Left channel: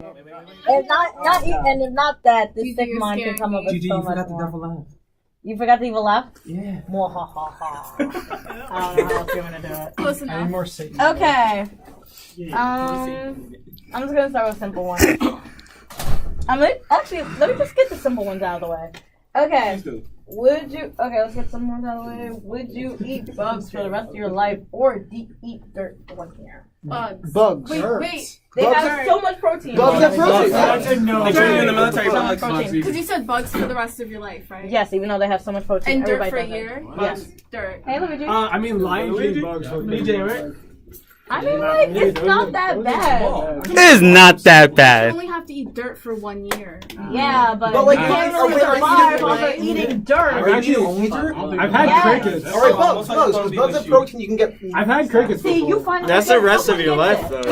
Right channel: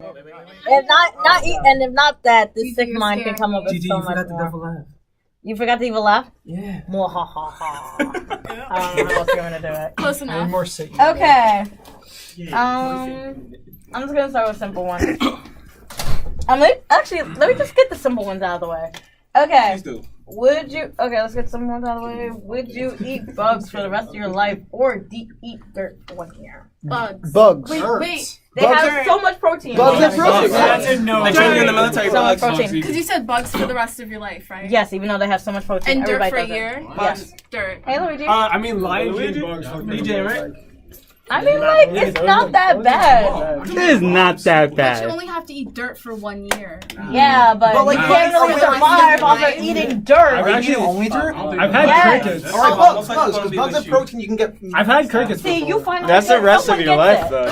If not eat, and if not that, this sick mind can come up with so much more. You forgot the evil laugh? Yeah. Mwahaha. I don't know if you're gonna do it. Close enough. More Satan. Okay. I'm just gonna start with a simple one. Actually, let me just get the simple ones out of the way. Okay. Would you? Okay, let's get some ones out of the way. Would you eat bugs for the rest of your life, or eat dirt for 1 year? Bugs. Bugs. Wait. They have so much protein. Bugs have protein. I said no. Like training in the military, bugs. Because you said bugs for the rest of your life, right? Yes, even though they have so much protein. And dirt Everybody for a does it. year? Yes. Dirt. Hey, Luigi. I mean, lions eat bugs. DJ, right? I mean, like, it's not that bad. It is not that You bad. only have to eat dirt for 1 year. Yeah, but like, you can't really survive off of eating dirt. Are you eating only dirt? I've had Yes. crickets. Alright, bugs, because bugs have protein you can get. I've had crickets. See, before. you find That's the rest of your life, though.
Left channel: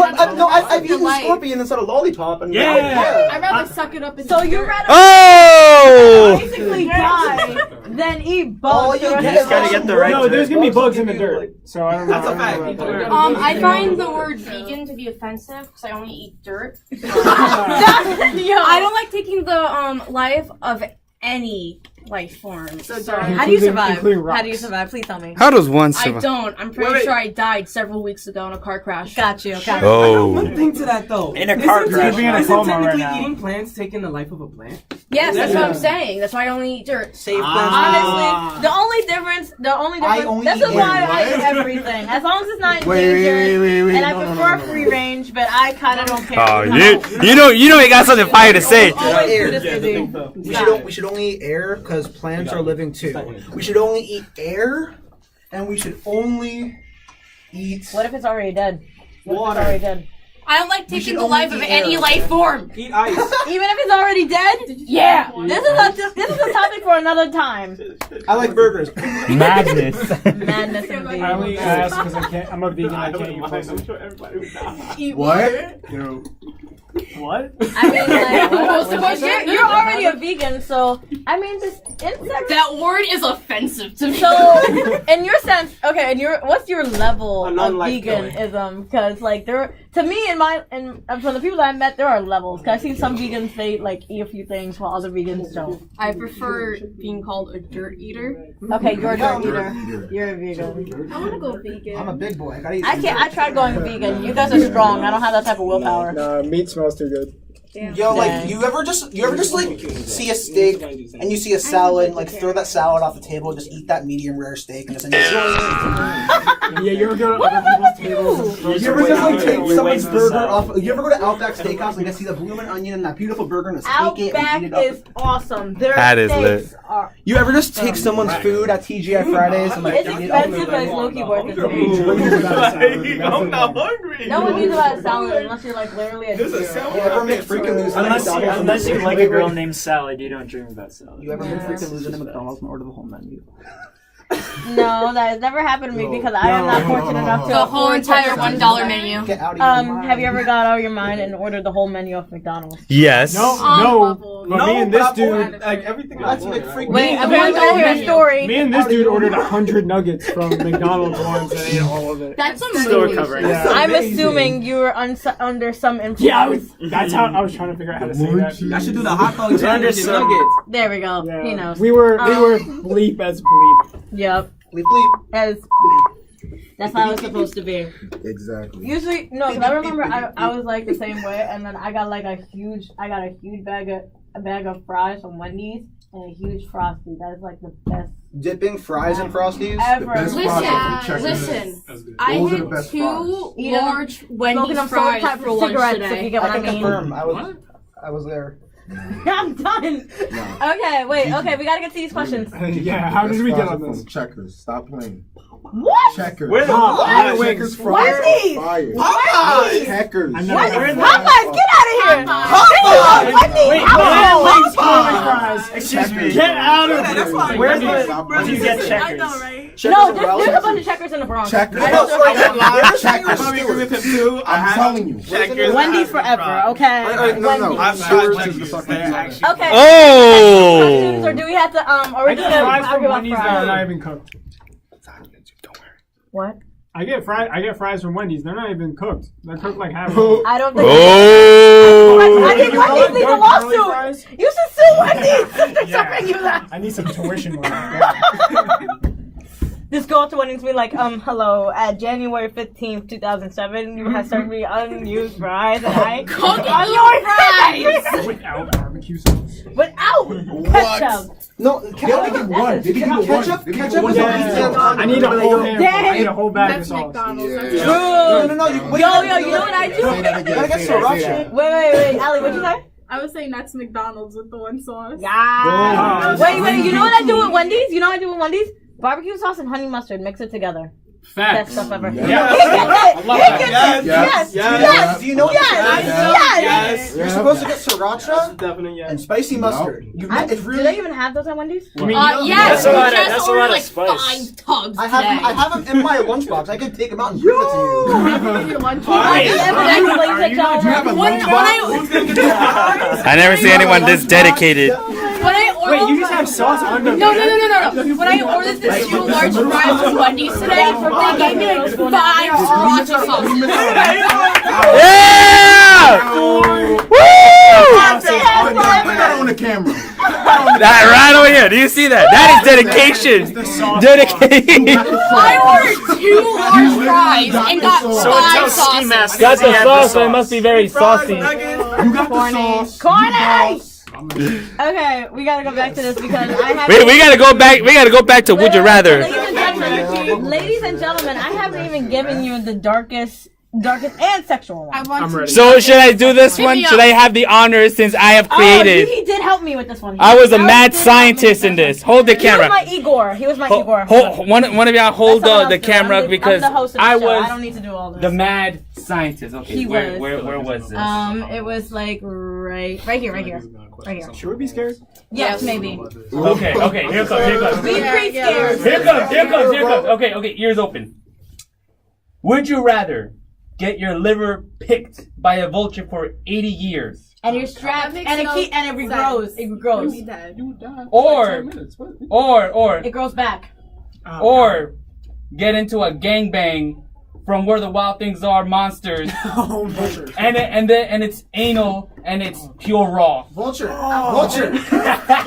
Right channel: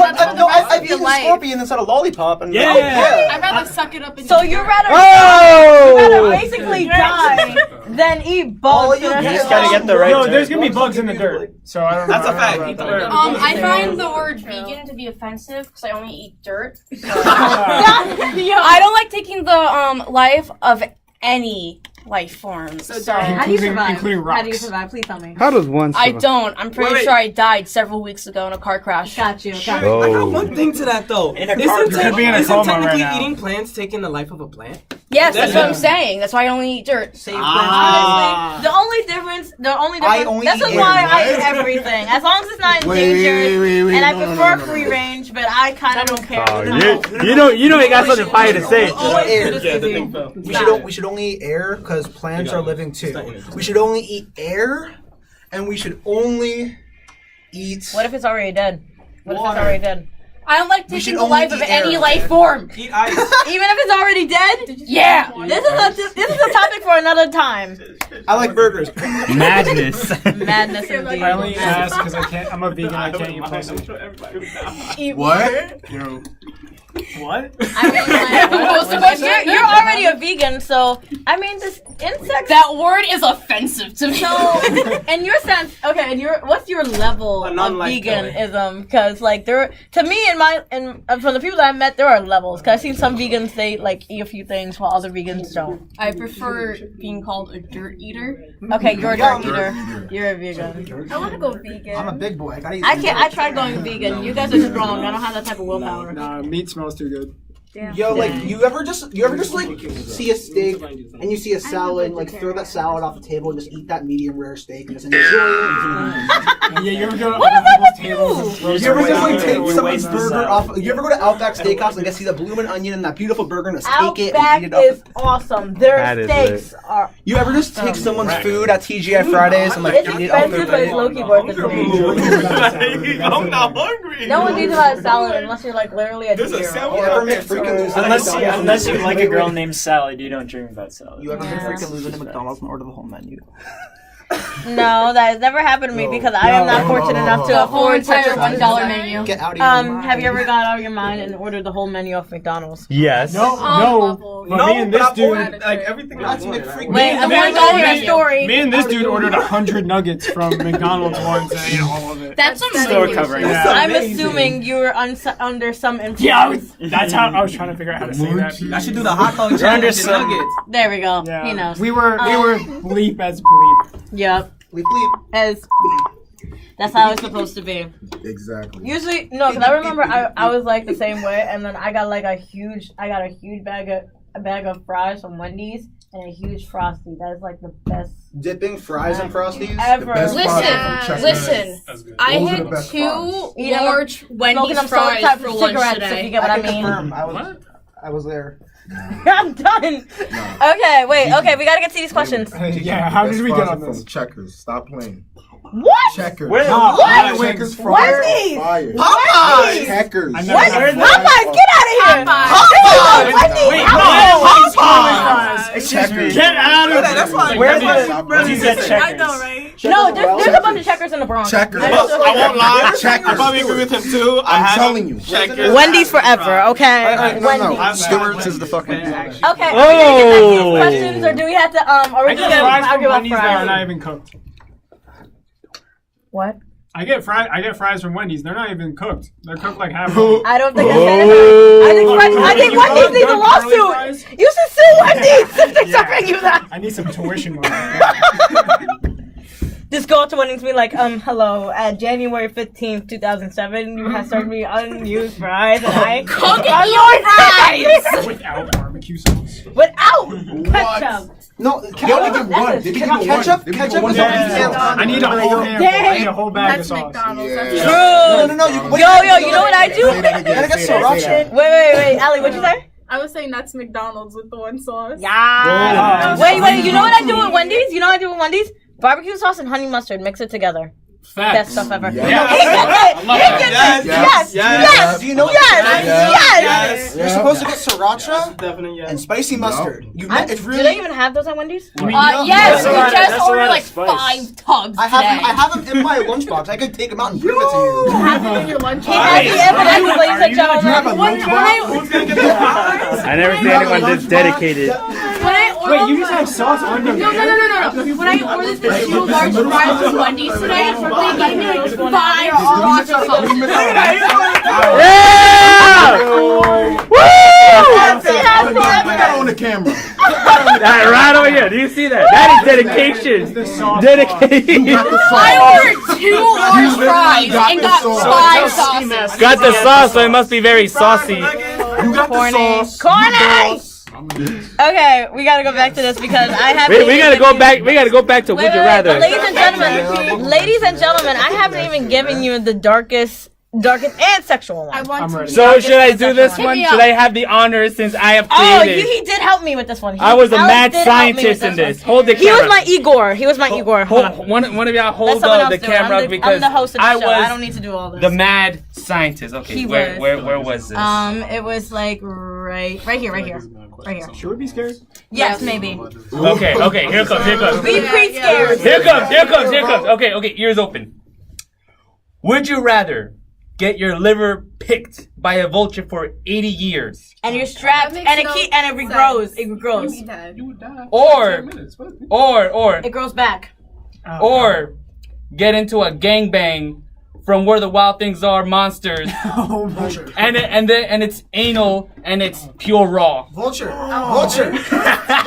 I've eaten scorpion instead of lollipop. And Yeah. I'd rather suck it up and So eat you'd dirt. rather Oh! basically die than eat bugs. You just gotta get the right No, dirt. there's gonna be bugs in the dirt. So I don't know. That's a fact. Eat the dirt. I find the word vegan to be offensive because I only eat dirt. So. I don't like taking the life of any life form. So How do you survive? including How do you rocks. survive? Please tell me. How does one I survive? don't. I'm pretty Wait. sure I died several weeks ago in a car crash. Got you. Got you. I got Oh. one thing to that though. In a car crash. Could be in a Isn't coma right technically now. eating plants taking the life of a plant? Yes, that's Yeah. what I'm saying. That's why I only eat dirt. Honestly, the only difference. This is why I eat everything. As long as it's not endangered, and I prefer free range, but I kind of don't care. Oh, you know you got something fire to say. We should only eat air because plants are living too. We should only eat air, and we should only eat. What if it's already dead? What if it's already dead? I don't like We taking should the only life of eat any air. life form. Eat ice. Even if it's already dead? Yeah. This is a topic for another time. I like burgers. Madness. Madness indeed. I only ask because I can't. I'm a vegan. I can't eat I'm pussy. sure everybody would die. Eat What? What? I mean, like, you're already a vegan, so I mean, this insect. That word is offensive to me. So, in your sense, okay, and what's your level A of non-life veganism? Because, like, to me, from the people that I met, there are levels. Because I've seen some vegans, they, like, eat a few things while other vegans don't. I prefer being called a dirt eater. Okay, you're a dirt eater. You're a vegan. I want to go vegan. I'm a big boy. I gotta eat. I can't. I tried going vegan. You guys are strong. I don't have that type of willpower. Nah, meat smells too good. Yo, like, you ever just like see a steak and you see a salad and like throw that salad off the table and just eat that medium rare steak and just enjoy it. Yeah, you ever go What is up with you? You ever just like take someone's burger off? You ever go to Outback Steakhouse and get see the bloomin' onion and that beautiful burger and just take it and Outback eat it up? is awesome. Their That is steaks lit. are. You ever just take someone's food at TGI Fridays and like It's eat it off expensive, but their it's plate? low-key worth it to me. I'm not hungry. No one needs about a salad unless you're like literally a There's a deer. salad You ever make freaking lose Unless you like a girl named Salad, you don't dream about salad. You ever been Yeah. freaking losing to McDonald's and order the whole menu? No, that has never happened to me because I am not fortunate enough to The whole afford entire such $1 menu. Get out of your mind. Have you ever got out of your mind and ordered the whole menu off McDonald's? Yes. No. But me and this dude. like everything. That's I want, McFreaking. right? Wait, I'm Me going and- to tell you a story. Me and this dude ordered 100 nuggets from McDonald's once and ate all of it. That's Still amazing. recovering. Yeah. I'm assuming you were under some influence. Yeah, that's how I was trying to figure out how to say that. I should do the hot dog challenge and nuggets. There we go. Yeah. He knows. We were bleep as bleep. Yep. Bleep bleep. As that's how it's supposed to be. Exactly. Usually, no, because I remember I was like the same way, and then I got a huge bag of fries from Wendy's and a huge Frosty. That is like the best Dipping fries and Frosties. ever. The best fries from Checkers. Listen. I Those are the had best 2 Eat 'em, large Smoking Wendy's them fries type for of lunch cigarettes, if you today. get what I I can mean. confirm. I was there. I'm done. Okay, wait. Okay, we gotta get to these questions. Yeah, how did we get on from this? Checkers? Stop playing. What? Checkers. Where- What? What? Checkers fries Wendy's! are fire. Popeyes! Checkers. I never heard Popeyes, that. get out of here! Popeyes! Wendy's, Wait, no! Excuse me. Checkers. Get out of That's here. why- Where that's did why- where did you get I Checkers? know, right? No, there's a bunch of checkers in the Bronx. Checkers. I don't know I won't lie. Checkers. I probably agree with him too. I'm telling you. Checkers. Wendy's forever, okay? Wendy's. No, Stewart's is the fucking. Okay. Oh. Questions, or do we have to are we I just get gonna fries from argue about Wendy's that are not fries? even cooked. What? I get fries from Wendy's. They're not even cooked. They're cooked like half. I don't think. Oh. Wendy's needs a lawsuit. You should sue Wendy's if they're stopping you that. I need some tuition money. Just go up to Wendy's and be like, hello, at January 15th, 2007, you had served me unused fries and I cooked your fries! Without barbecue sauce. Without ketchup. No, They only give one. They give you ketchup. one. Ketchup is Yeah. on I need a whole hamburger. I need a whole bag That's of sauce. McDonald's. Yeah. That's No. Yo, you know what I do? Say that again, You gotta get say that sriracha. again. Wait, Allie, what'd you say? I was saying that's McDonald's with the one sauce. Yeah. Oh. Wait, you know what I do with Wendy's? You know what I do with Wendy's? Barbecue sauce and honey mustard, mix it together. Best stuff ever. Yeah. He gets it! Yes. Yes! Do you know what? Yes! You're supposed to get sriracha Definitely yes. and spicy mustard. It's Do really. they even have those at Wendy's? Yes, That's a we lot of- just that's a ordered lot of like spice. 5 tubs I have them in my lunchbox. I could take them out and bring it to you. Have it in your lunch He has the evidence, ladies and gentlemen. I never see anyone this dedicated. When I ordered Wait, you just have sauce on them? No. When I ordered the 2 large fries from Wendy's today, they gave me like 5 sriracha sauces. Yeah! Put that on the camera. That right over here. Do you see that? That is dedication. Dedication. I ordered 2 large fries and got 5 sauces. Got the sauce, so it must be very saucy. You got the sauce. Corny! Okay, we gotta go back to this because I have. We gotta go back. We gotta go back to Would You Rather. Ladies and gentlemen, I haven't even given you the darkest and sexual one. I'm ready. So should I do this one? Should I have the honor since I have Oh, created? he did help me with this one. I was a mad did help me scientist with in this this. one. Hold the He was camera. my Igor. He was my Igor. One of y'all hold Let someone the else do it. camera I'm because the host of the I show. I was don't need to do all this. the mad scientist. Okay, He was. where was this? It was like right here. Should we be scared? Yes, maybe. Okay, here comes. Be pre-scared. Here comes. Okay, ears open. Would you rather get your liver picked by a vulture for 80 years? And you're strapped, That and makes it no regrows. sense. It regrows. You'd be dead. Or It grows back. or get into a gangbang from Where the Wild Things Are monsters, and it's anal and it's pure raw. Vulture. That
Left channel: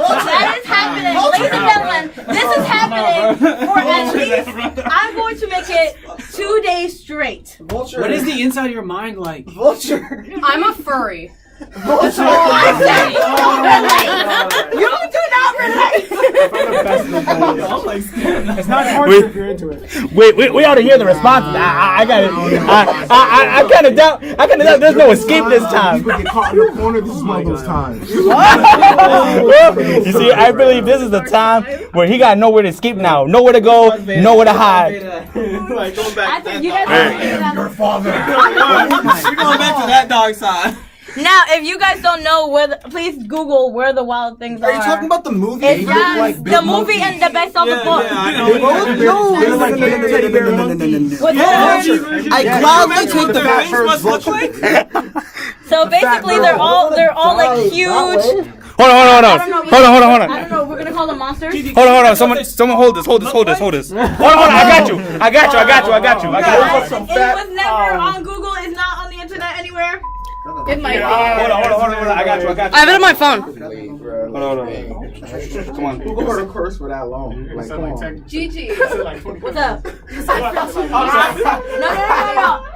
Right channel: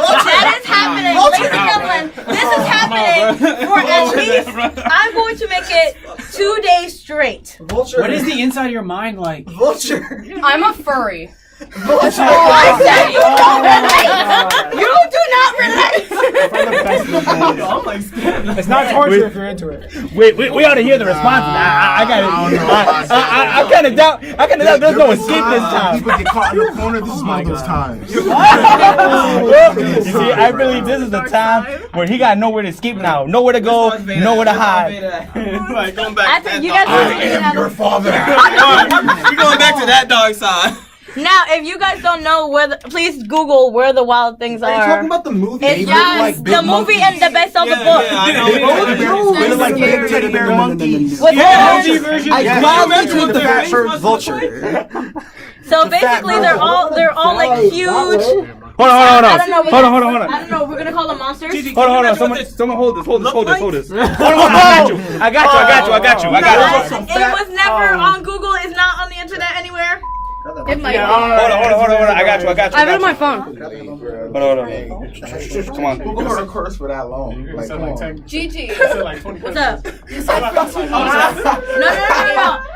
is happening, ladies and gentlemen. This is happening for at least. I'm going to make it 2 days straight. Vulture. What is the inside of your mind like? Vulture? I'm a furry. Vulture. I said you don't relate. You do not relate. It's not torture if you're into it. We ought to hear the response. I kind of doubt. There's no escape this time. People get caught in the corner. This is one of those times. You see, I believe this is the time where he got nowhere to escape now, nowhere to go, nowhere to hide. I think you guys. Your father. We're going back to that dark side. Now, if you guys don't know please Google Where the Wild Things Are. Are you talking about the movie? It's look like big the movie monkeys. and the best of the Yeah, book. I know. They look like big teddy bear monkeys. With I gladly take the fat first Vulture. vulture. So basically, they're all like huge. Hold on. I don't know. Hold I don't know. We're gonna call them monsters. on. Someone hold this. Hold this. Hold on. I got you. It was never on Google. It's not on the internet anywhere. It might be. Hold on. I got you. I have it on my phone. Hold on. Come on. Who heard a curse for that long? Like, come on. Gigi. What's up? No.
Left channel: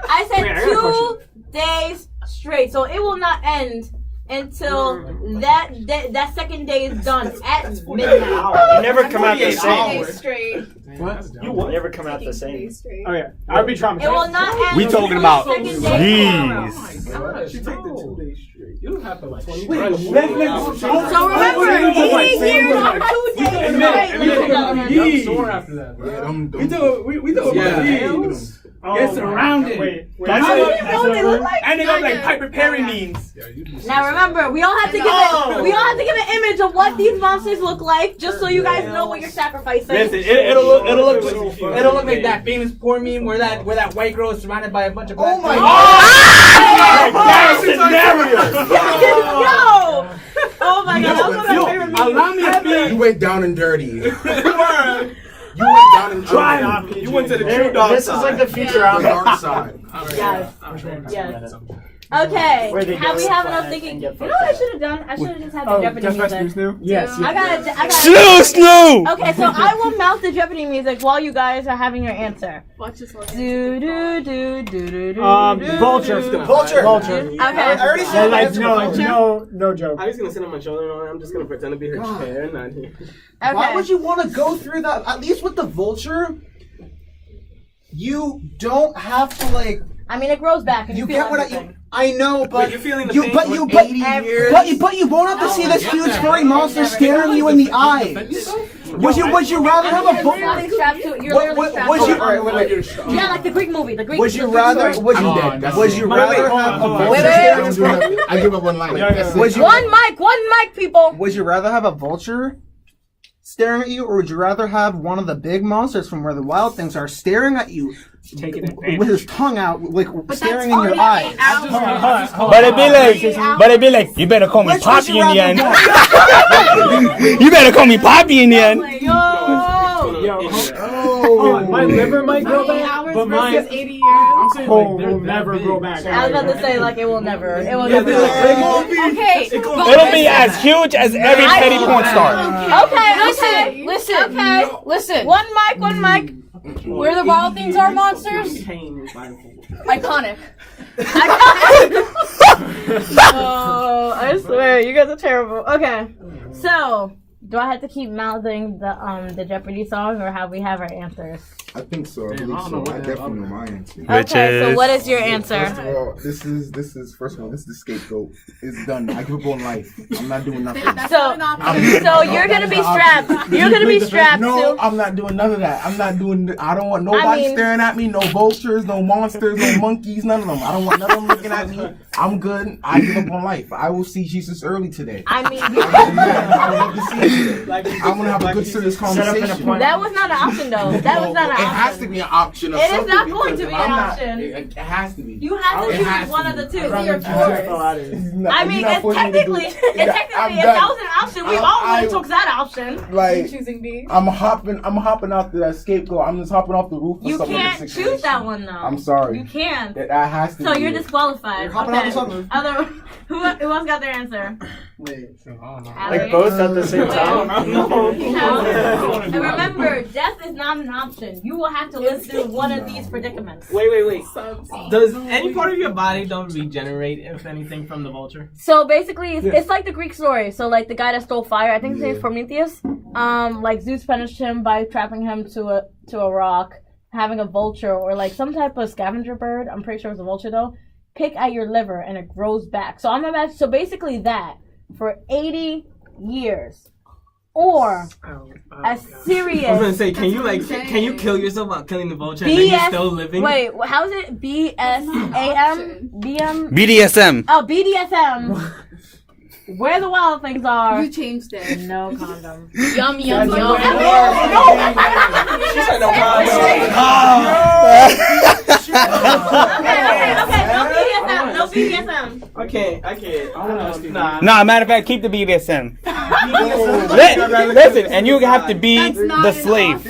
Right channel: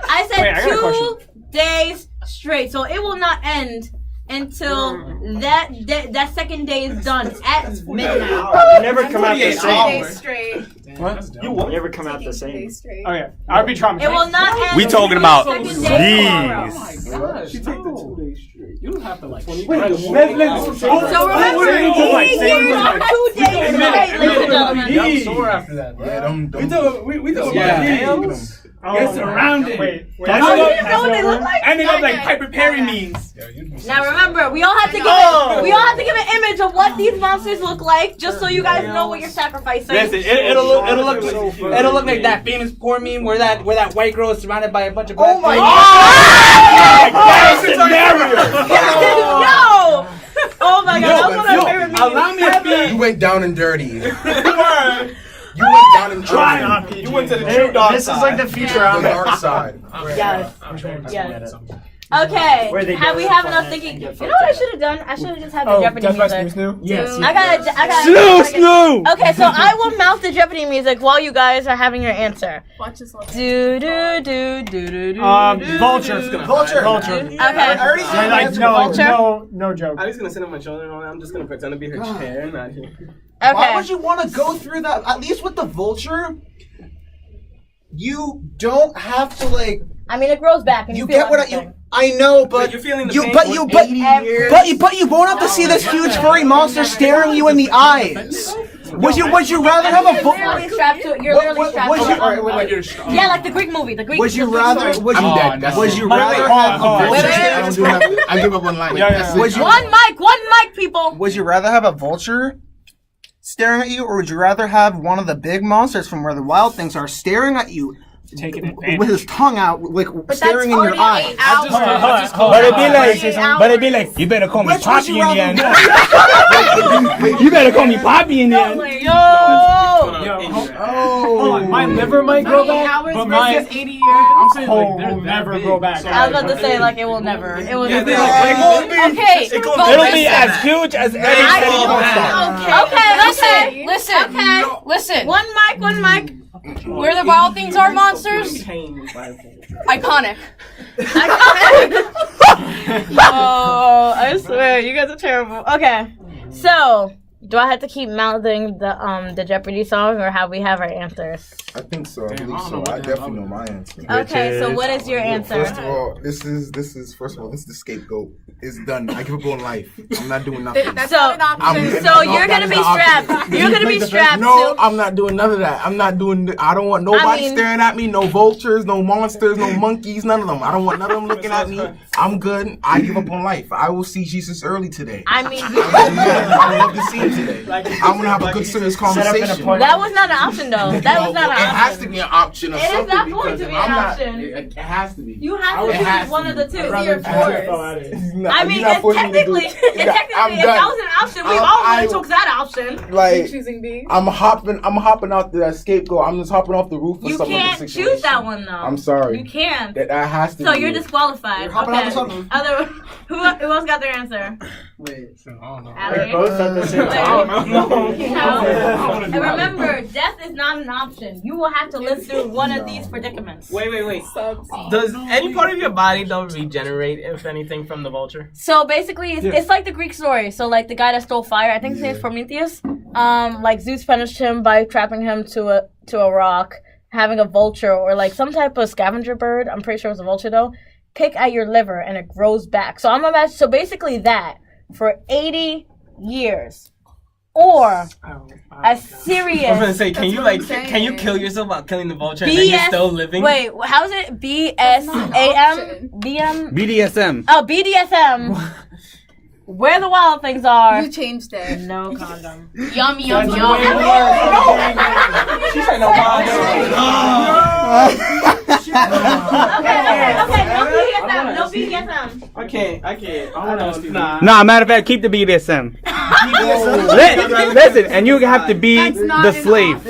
I said 2 days straight, so it will not end until that second day is done at midnight. You never come out the 48 same. hours. Straight. You never come out the same. Straight. Oh yeah, I would be traumatized. It will not end. We talking about until the second day tomorrow. these. She take the 2 days straight. You don't have to like. So remember, 80 years on 2 days straight, ladies and gentlemen. I'm sore after that. Yeah, them. We do Get surrounded. Wait. Oh, you didn't know what they look like? And they look like Piper Perry memes. Now remember, we all have to give an image of what these monsters look like, just so you guys know what you're sacrificing. Listen, it'll look like that famous poor meme where that white girl is surrounded by a bunch of black. Oh my God! Yo! Oh my God, that was one of my favorite memes. Allow me to be. You went down and dirty. You went down and dirty. You went to the true dark This is side. like the The Futurama. dark side. Yes. Okay. Where they Have we get have fun enough and thinking? get You know what I fucked should have done? I should have just had the Oh, Jeopardy Death by music. Snoo Snoo? Yes. I got. Snoo! Okay, so I will mouth the Jeopardy music while you guys are having your answer. Watch this one. Do do do do do do. Vulture. Vulture. Vulture. Okay. I already So said like answer. no joke. I'm just gonna sit on my shoulder and all that. I'm just gonna pretend to be her chair, not here. Why Okay. would you want to go through that? At least with the vulture, you don't have to like. I mean, it grows back. And You feel get what everything. I know, but you're feeling the you, pain but for you, but 80 years. but you won't have to see this huge furry monster staring you in the eyes. Would you rather have a You're literally strapped to it. You're literally strapped would to you- it. alright, wait. Yeah, like the Greek movie. The Greek. Would you the Greek rather? story. Would you? I'm dead. That's Would it. you rather have a vulture Wait, wait, staring? I don't do nothing. I give up on life. Yeah, That's yeah. it. Would you? One mic, people. Would you rather have a vulture staring at you, or would you rather have one of the big monsters from where the wild things are staring at you? Taking With advantage. his tongue out, like staring in your eyes. But it be like, you better call me Which would Poppy you in the rather end. do? You better call me Poppy in the end. Yo, hold on. My liver might grow back, but my 80 years. I'm saying like will never grow back. I was about to say like it will never. It will never. Okay. It'll be as huge as every petty porn star. Okay. Listen. Okay. Listen. One mic. Where the wild things are monsters? Iconic. Oh, I swear, you guys are terrible. Okay, so do I have to keep mouthing the Jeopardy song, or have we have our answers? I think so. I Damn, believe I don't know so. what I the hell definitely know I my answer. Okay, so what is your answer? First of all, this is the scapegoat. It's done. I give up on life. I'm not doing nothing. That's So, not an option. so No, you're that gonna is be the option. strapped. You're gonna be strapped No, to. I'm not doing none of that. I'm not doing. I don't want nobody I mean- staring at me. No vultures, no monsters, no monkeys, none of them. I don't want none of them looking at me. I'm good. I give up on life. I will see Jesus early today. I mean, I love to see it today. I'm gonna have a good serious conversation. that was not an option though. That was not an It has to option. be an option. Of It is something not going to because be I'm an not- option. It has to be. You have It to has choose one to of the be. two. Rather You're than forced. fall out of it. I mean, You're not it's forcing me to do technically, it. if that was an option, we all would have took that option. Like Choosing B. I'm hopping out that scapegoat. I'm just hopping off the roof for You some can't other situation. choose that one though. I'm sorry. You can't. That has to So be. you're it. disqualified. You're hopping out the sunroof. Other, who else got their answer? Wait, I don't know. Alex? Like both at the same time. And remember, death is not an option. You will have to live through one of these predicaments. Wait. Does any part of your body though regenerate, if anything, from the vulture? So basically, it's like the Greek story. So like the guy that stole fire, I think his name is Prometheus. Like Zeus punished him by trapping him to a rock, having a vulture or like some type of scavenger bird. I'm pretty sure it was a vulture though. Pick at your liver and it grows back. So I'm imagining. So basically that for 80 years, or a serious. I was gonna say, can you kill yourself while killing the vulture and then you're still living? Wait, how is it? BSAM? BM? BDSM. Oh, BDSM. Where the wild things are. You changed it. No condom. Yum, yum, yum. She said no problem. Okay. No BDSM. I can't. Nah. Nah, matter of fact, keep the BDSM. Listen, and you have to be the slave.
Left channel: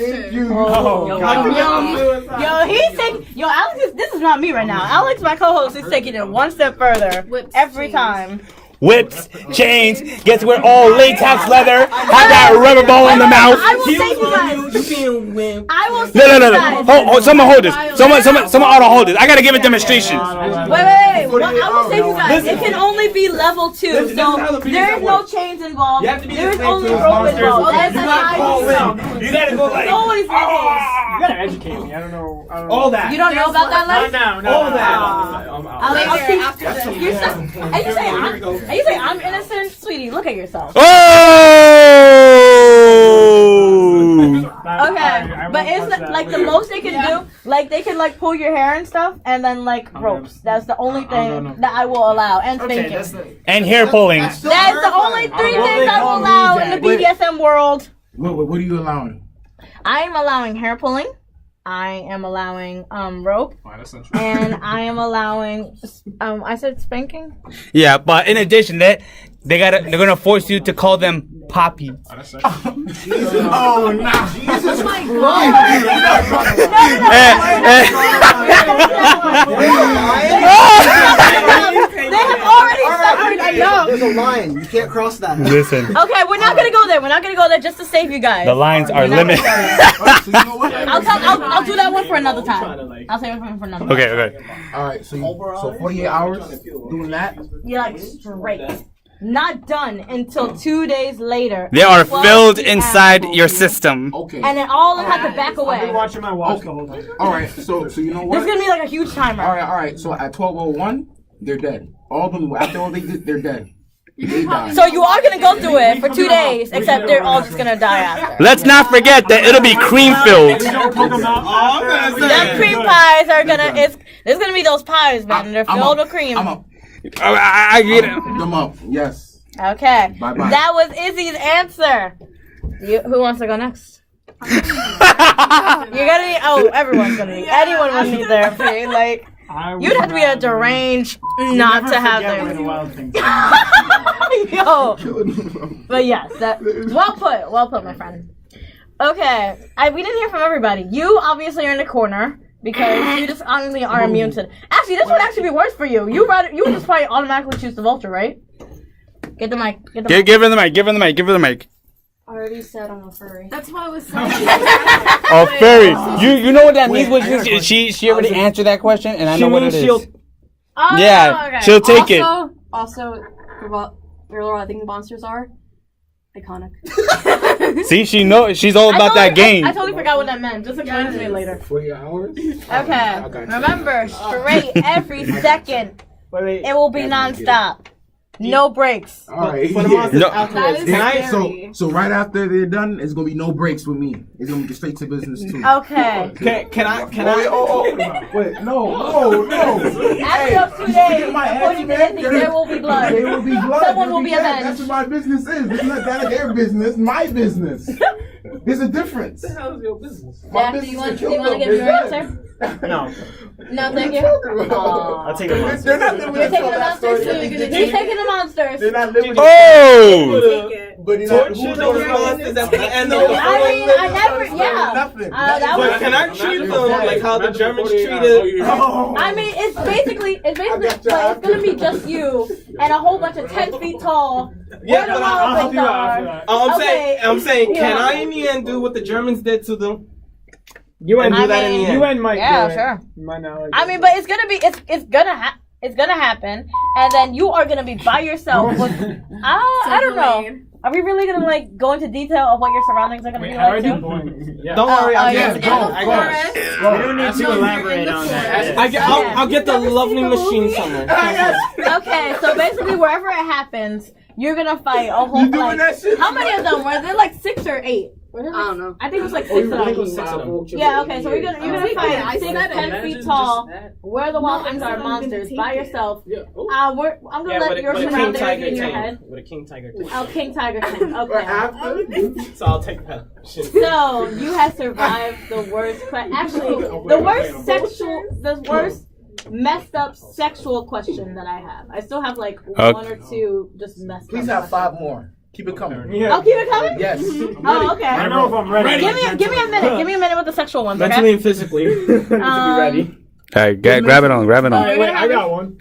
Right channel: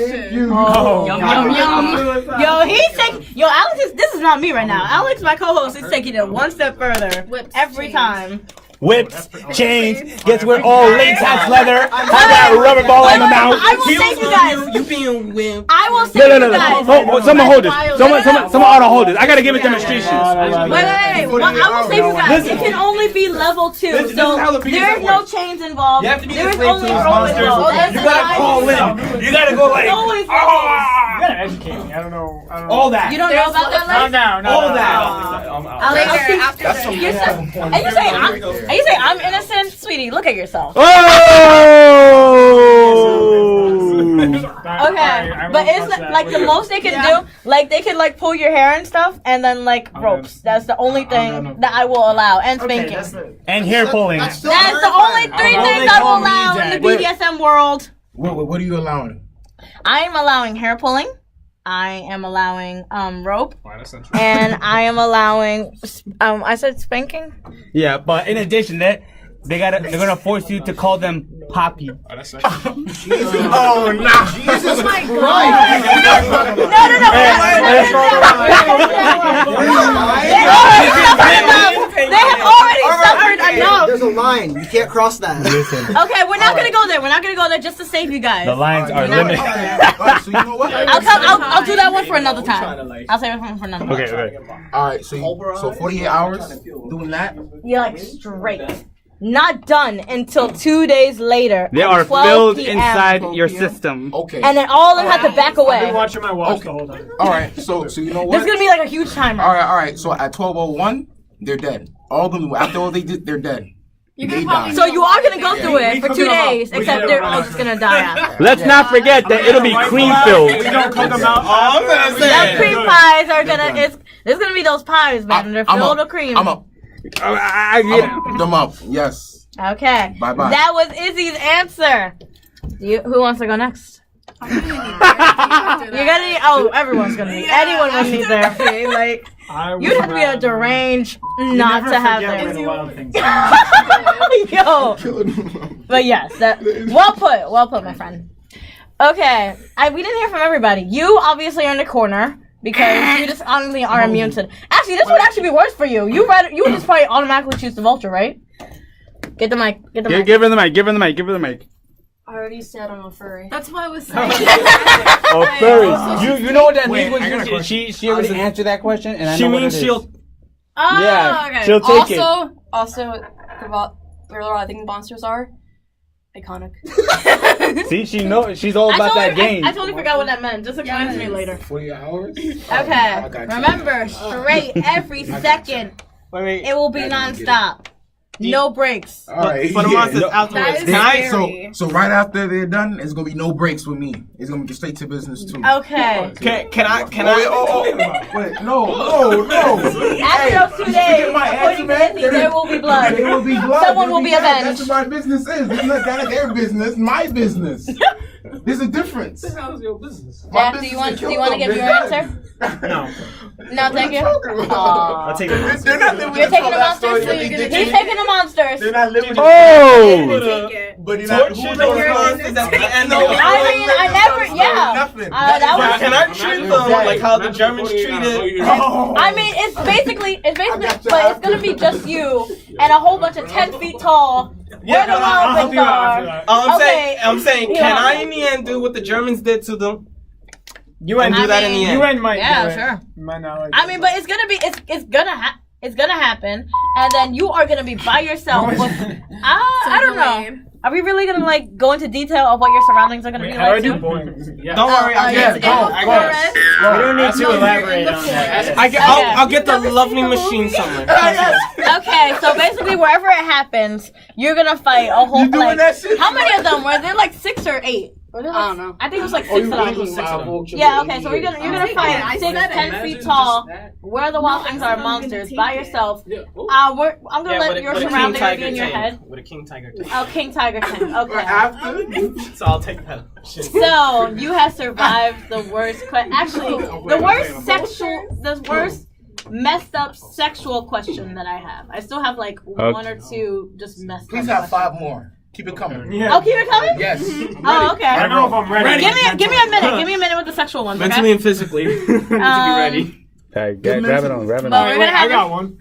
Yo, he's taking. Yo, Alex this is not me right now. Alex, my co-host, is taking it one step further. Whips, every chains. time. Whips, chains, gets to wear all latex leather, have that rubber ball in the mouth. I will save you guys. You being wimp. I will save you No. guys. Hold, someone hold this. Someone ought to hold this. I gotta give a demonstration. Wait. Well, I will save you guys. It can only be level 2, so there's no chains involved. You have to be There's the only slave to rope monsters. involved. That is You gotta call in. You gotta go like. always the You gotta educate me. I don't know. All that. You don't know about that, Not Lex? now. No. All no, that. no. Are you saying I'm innocent? Sweetie, look at yourself. Oh! Okay, but it's like the most they can do, like they can like pull your hair and stuff, and then like ropes. That's the only thing that I will allow, and spanking. And hair pulling. That is the only 3 things I will allow in the BDSM world. What are you allowing? I am allowing hair pulling. I am allowing rope, and I am allowing I said spanking. Yeah, but in addition that they're gonna force you to call them Poppy. Oh nah. Jesus Christ. They have already suffered enough. There's a line. You can't cross that. Listen, Okay, we're not gonna go there. We're not gonna go there just to save you guys. the lines are limited. So you know what? I'll do that one for another time. I'll save it for another time. Okay. All right. So 48 hours doing that. You're like straight. Not done until 2 days later. They are 12 filled PM. inside your system. Okay. And then all of them have to back I've been away. watching my watch the whole time. All right. So you know what? There's gonna be like a huge timer. All right. So at 12:01, they're dead. All of them after all they did, they're dead. They died. So you are gonna go through it for 2 days, except they're all just gonna die after. Let's not forget that it'll be cream filled. We don't cook them out. Those cream pies are gonna. There's gonna be those pies, man. They're filled with cream. I get it. Them up. Yes. Okay. Bye-bye. That was Izzy's answer. Who wants to go next? You're gonna need. Oh, everyone's gonna need. Anyone will need therapy. Like you'd have to be a deranged not to have therapy. Yo. But yes, that. Well put, my friend. Okay, we didn't hear from everybody. You obviously are in the corner. Because you just honestly are immune to. Actually, this would actually be worse for you. You would just probably automatically choose the vulture, right? Get the mic. Give her the mic. Give her the mic. I already said I'm a furry. That's what I was saying. Oh, furry. You know what that means? She already answered that question, and I know what it is. Oh, Yeah, okay. she'll take it. Also, I think monsters are iconic. See, she's all about that game. I totally forgot what that meant. Just explain to me later. 48 hours. Okay. Remember, straight every second. It will be nonstop. No breaks. All right. For the monsters afterwards. That is Can I? scary. So right after they're done, it's gonna be no breaks with me. It's gonna get straight to business too. Okay. Can I? Wait, no. After those 2 days, according to Izzy, there will be blood. There will be blood. Someone will be avenged. That's what my business is. It's not that their business. My business. There's a difference. How's your business? Jack, do you want to give your answer? No. No, thank you. I'll take it. They're not living You're taking the that story. monsters. He's taking the monsters. They're not living. Oh! But you're not. Torture the monsters at the end of I mean, I never. Yeah. Nothing. That was. Can I treat them like how the Germans treated? I mean, it's basically, but it's gonna be just you and a whole bunch of 10 feet tall. Where the wild things are. I'm saying, You can know. I in the end do what the Germans did to them? You And do that in the end. UN might. Yeah, do it. sure. Might not like I mean, but it's gonna be, it's gonna happen, and then you are gonna be by yourself. With, I don't know. Are we really gonna like go into detail of what your surroundings are gonna be like too? Don't worry, I'll get it. go. We don't need to elaborate on that. I'll get the lovely machine somewhere. Okay, so basically wherever it happens, you're gonna fight a whole like. How many of them were there? Like 6 or 8? I don't know. I think it was like 6 of them. Yeah. Okay, so you're gonna fight 6, 10 feet tall. Where the wild things are monsters by yourself. I'm gonna let your surroundings be in your head. With a king tiger. Oh, King Tiger King. Okay. So I'll take that. So you have survived the worst. The worst messed up sexual question that I have. I still have like 1 or 2 just messed up. Please have 5 more. Keep it coming. Oh, keep it coming? Yes. Oh, okay. I don't know if I'm ready. Give me a minute. Give me a minute with the sexual ones. Okay? Mentally and physically. To be ready. Alright, grab it on. But we're gonna have I got one.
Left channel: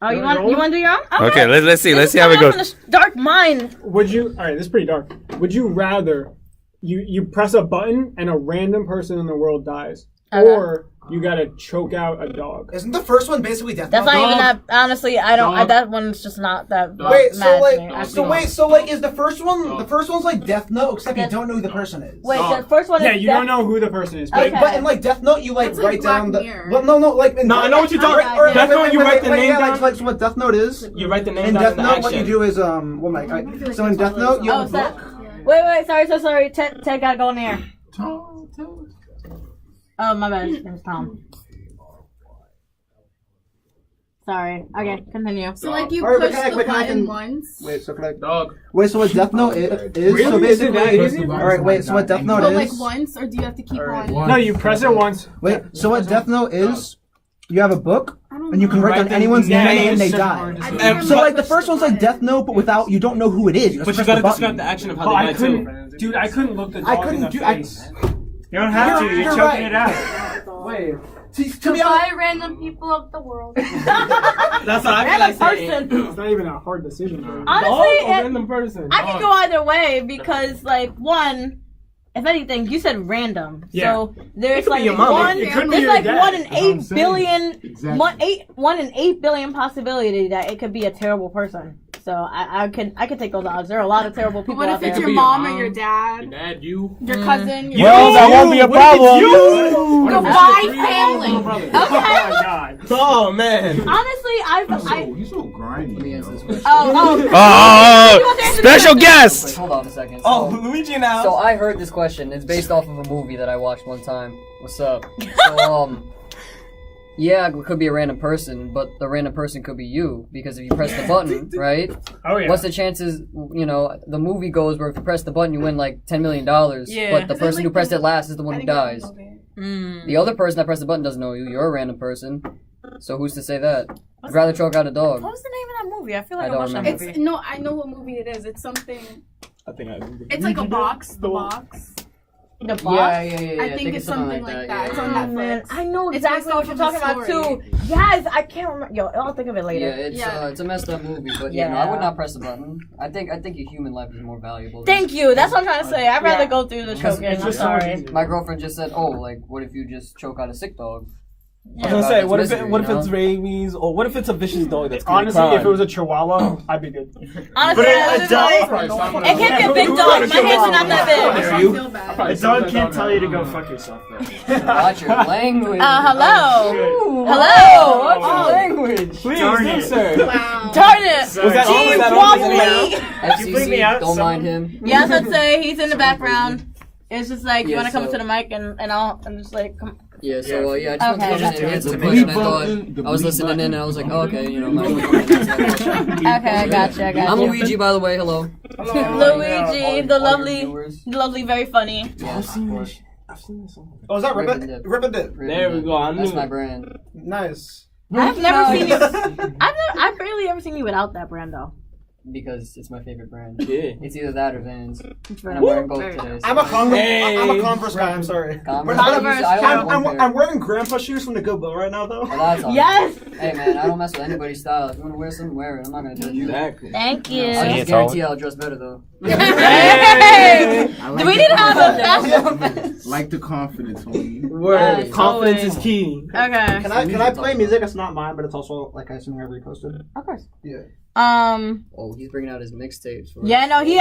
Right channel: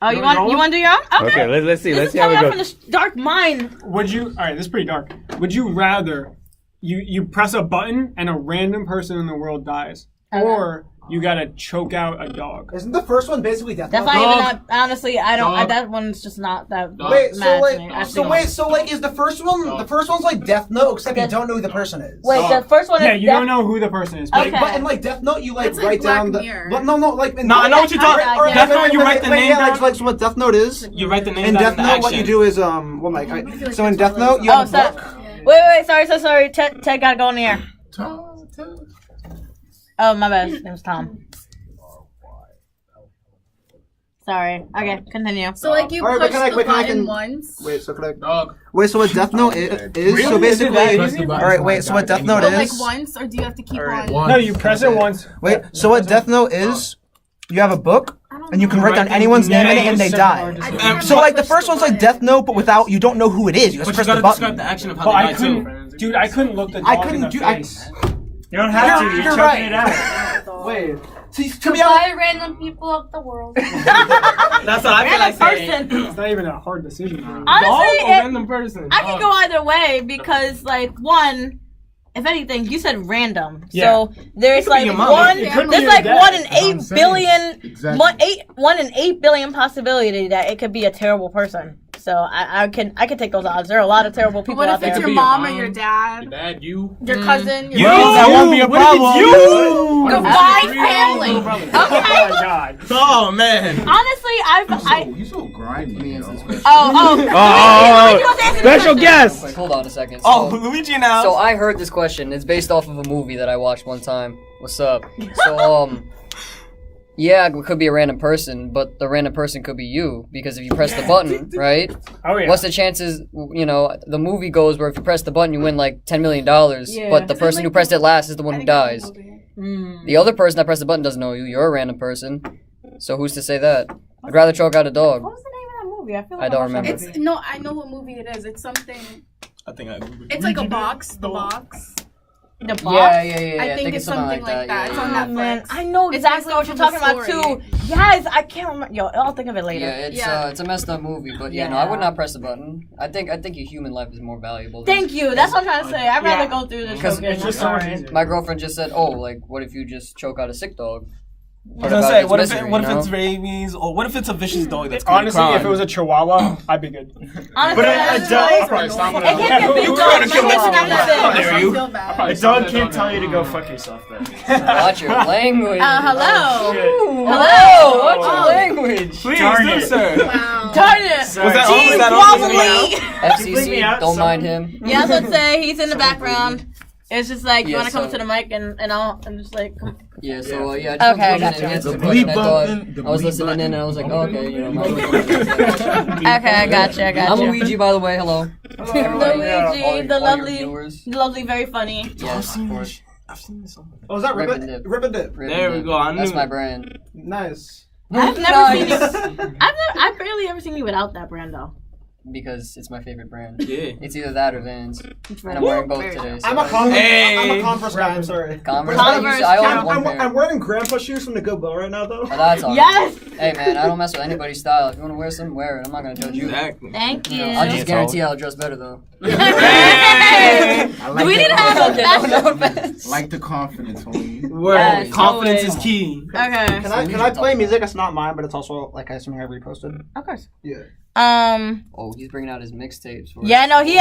Oh, you want to do your own? Okay, let's see This is how it coming up goes. from the dark mind. Would you? All right, this is pretty dark. Would you rather you press a button and a random person in the world dies, or you gotta choke out a dog? Isn't the first one basically death? That's Note? not even that. Honestly, I don't. That one's just not that. Wait, mad to me. so is the first one? The first one's like Death Note, except you don't know who the person is. Wait, the first one is. Yeah, you don't know who the person is. Okay. But in like Death Note, you like That's like write down Black the. Mirror. Well, no, like in No, I know what you're talking about. Death Note, you write the name down. Like so what Death Note is. You write the name In down. Death Note, what you do is well, Mike. So in Death Note, you have a book. Wait, sorry. Ted gotta go in the air. Oh, my bad. His name's Tom. Sorry. Okay, continue. So like you Alright, but push can I- the wait, can I button can- once. Wait, so wait, so what Death Note is? So basically, all right. Wait, so what Death Note But like is? once, or do you have to keep on? No, you press it once. Wait, so what Death Note is? you have a book, and you can write down anyone's name in it, and they die. So like the first one's like Death Note, but without you don't know who it is. You just press the button. The action of how But they I die too. couldn't, dude. I couldn't look the dog in the face. You don't have to. You're choking right. it out. Wait. To be honest, Goodbye, random people of the world. That's what I feel like saying. It's not even a hard decision. Honestly, Dog or random person? I can go either way because, like, one, if anything, you said random. Yeah. So there's be like your mom. one, It could be there's your like dad. 1 in That's what I'm 8 saying. billion, Exactly. 1 in 8 billion possibility that it could be a terrible person. So I can take those odds. There are a lot of terrible people What out if there. it's your be mom or your your mom, dad, Dad, you. your cousin, your Well, that won't be a problem. Goodbye, family. Oh my god. Oh man. Honestly, He's so grimy. Special guest. Hold on a second. Oh, So, Luigi now. so I heard this question. It's based off of a movie that I watched one time. What's up? So yeah, it could be a random person, but the random person could be you because if you press the button, right? Oh yeah. What's the chances? You know, the movie goes where if you press the button, you win like $10 million. Yeah. But the person who pressed it last is the one who dies. Mm. The other person that pressed the button doesn't know you. You're a random person. So who's to say that? I'd rather choke out a dog. What was the name of that movie? I feel like I don't watched that remember. movie. It's no, I know what movie it is. It's something. I think I. It's like a box. The box. The box. Yeah. I think it's something like that. It's on Oh, man, Netflix. I know It's exactly based what off you're of a talking about story. too. Yes, I can't remember. Yo, I'll think of it later. Yeah, it's a messed up movie, but you know, I would not press the button. I think your human life is more valuable. Thank you. That's what I'm trying to say. I'd rather go through the Because choking. it's I'm just so much sorry. easier. My girlfriend just said, "Oh, like, what if you just choke out a sick dog?" I was gonna say, what if misery, what if you know? it's rabies, or what if it's a vicious dog that's committing Honestly, crime? if it was a Chihuahua, I'd be good. Honestly, a dog probably stop it can get big dogs. My kids are not that big. Dare you? A dog can't tell you to go fuck yourself, though. Watch your language. Hello. Shit. Hello. What's your language? Please, Darn do, it. sir. Darn it. Was that only Jeez, that wobbly. Bleep me FCC, out, don't someone. mind him. Yes, I'd say he's in the background. It's just like, you Yeah, want to come so- to the mic and all? I'm just like, come. Yeah, so yeah, Okay, I gotcha. just answered the The question. bleep I thought button, I was the bleep listening in, and I was like, oh, okay, you know, my Okay, I gotcha. I'm Luigi, by the way. Hello. Luigi, All the your lovely, viewers. very funny. Yes, of course. I've seen this song. Oh, is that Rip Rip and It? Dip. Rip and Dip. There we go. I That's knew my it. brand. Nice. I've never seen you. Nice. I've barely ever seen you without that brand though. Because it's my favorite brand. Yeah. It's either that or Vans. And I'm wearing both today. So. I'm a Converse. Hey. I'm a Converse guy. I'm sorry. Converse. Converse. I only have one I'm pair. wearing grandpa shoes from the Goodwill right now, though. Oh, that's awesome. Yes. Hey man, I don't mess with anybody's style. If you want to wear some, wear it. I'm not gonna judge you. Exactly. Thank you. I'll just guarantee I'll dress better though. Hey! I Do like we the need to have a confidence. fashion? Like the confidence, homie. Word. Yes, Confidence always. is key. Okay. Can I play music? It's not mine, but it's also like I something I reposted. Of course. Yeah. Oh, he's bringing out his mixtapes. Yeah, no, he's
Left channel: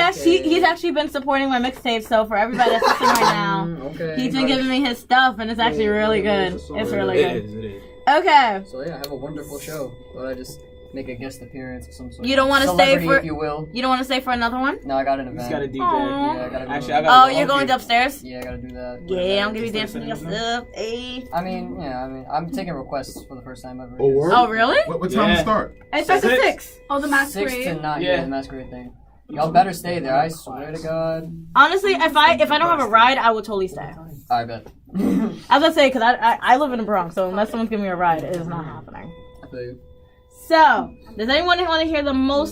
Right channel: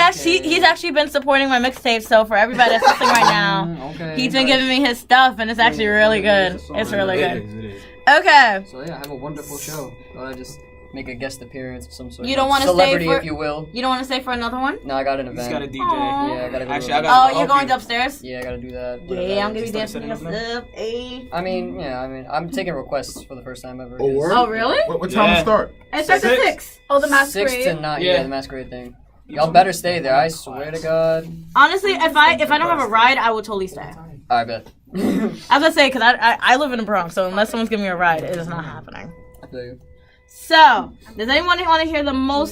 actually been supporting my mixtape. So for everybody that's listening right now, Okay. he's been giving me his stuff, and it's actually really good. It's really good. It is. Okay. So yeah, have a wonderful show. Thought I'd just make a guest appearance of some sort. You don't want to stay celebrity, for? if you will. You don't want to stay for another one? No, I got an He's event. got a DJ. Aw. Yeah, I gotta go. Actually, to- I gotta Oh, go you're help going you. upstairs? Yeah, I gotta do that. Yeah, I'm gonna be Start dancing setting your up stuff. Ayy. I mean, I'm taking requests for the first time ever. Oh, word? Oh, really? What time Yeah. to start? It starts at 6. Oh, the 6 masquerade. to 9. Yeah. Yeah, the masquerade thing. Y'all better stay there. I swear to God. Honestly, if I don't have a ride, I will totally stay. I bet. I was gonna say, because I live in the Bronx, so unless someone's giving me a ride, it is not happening. I feel you. So, does anyone want to hear I'll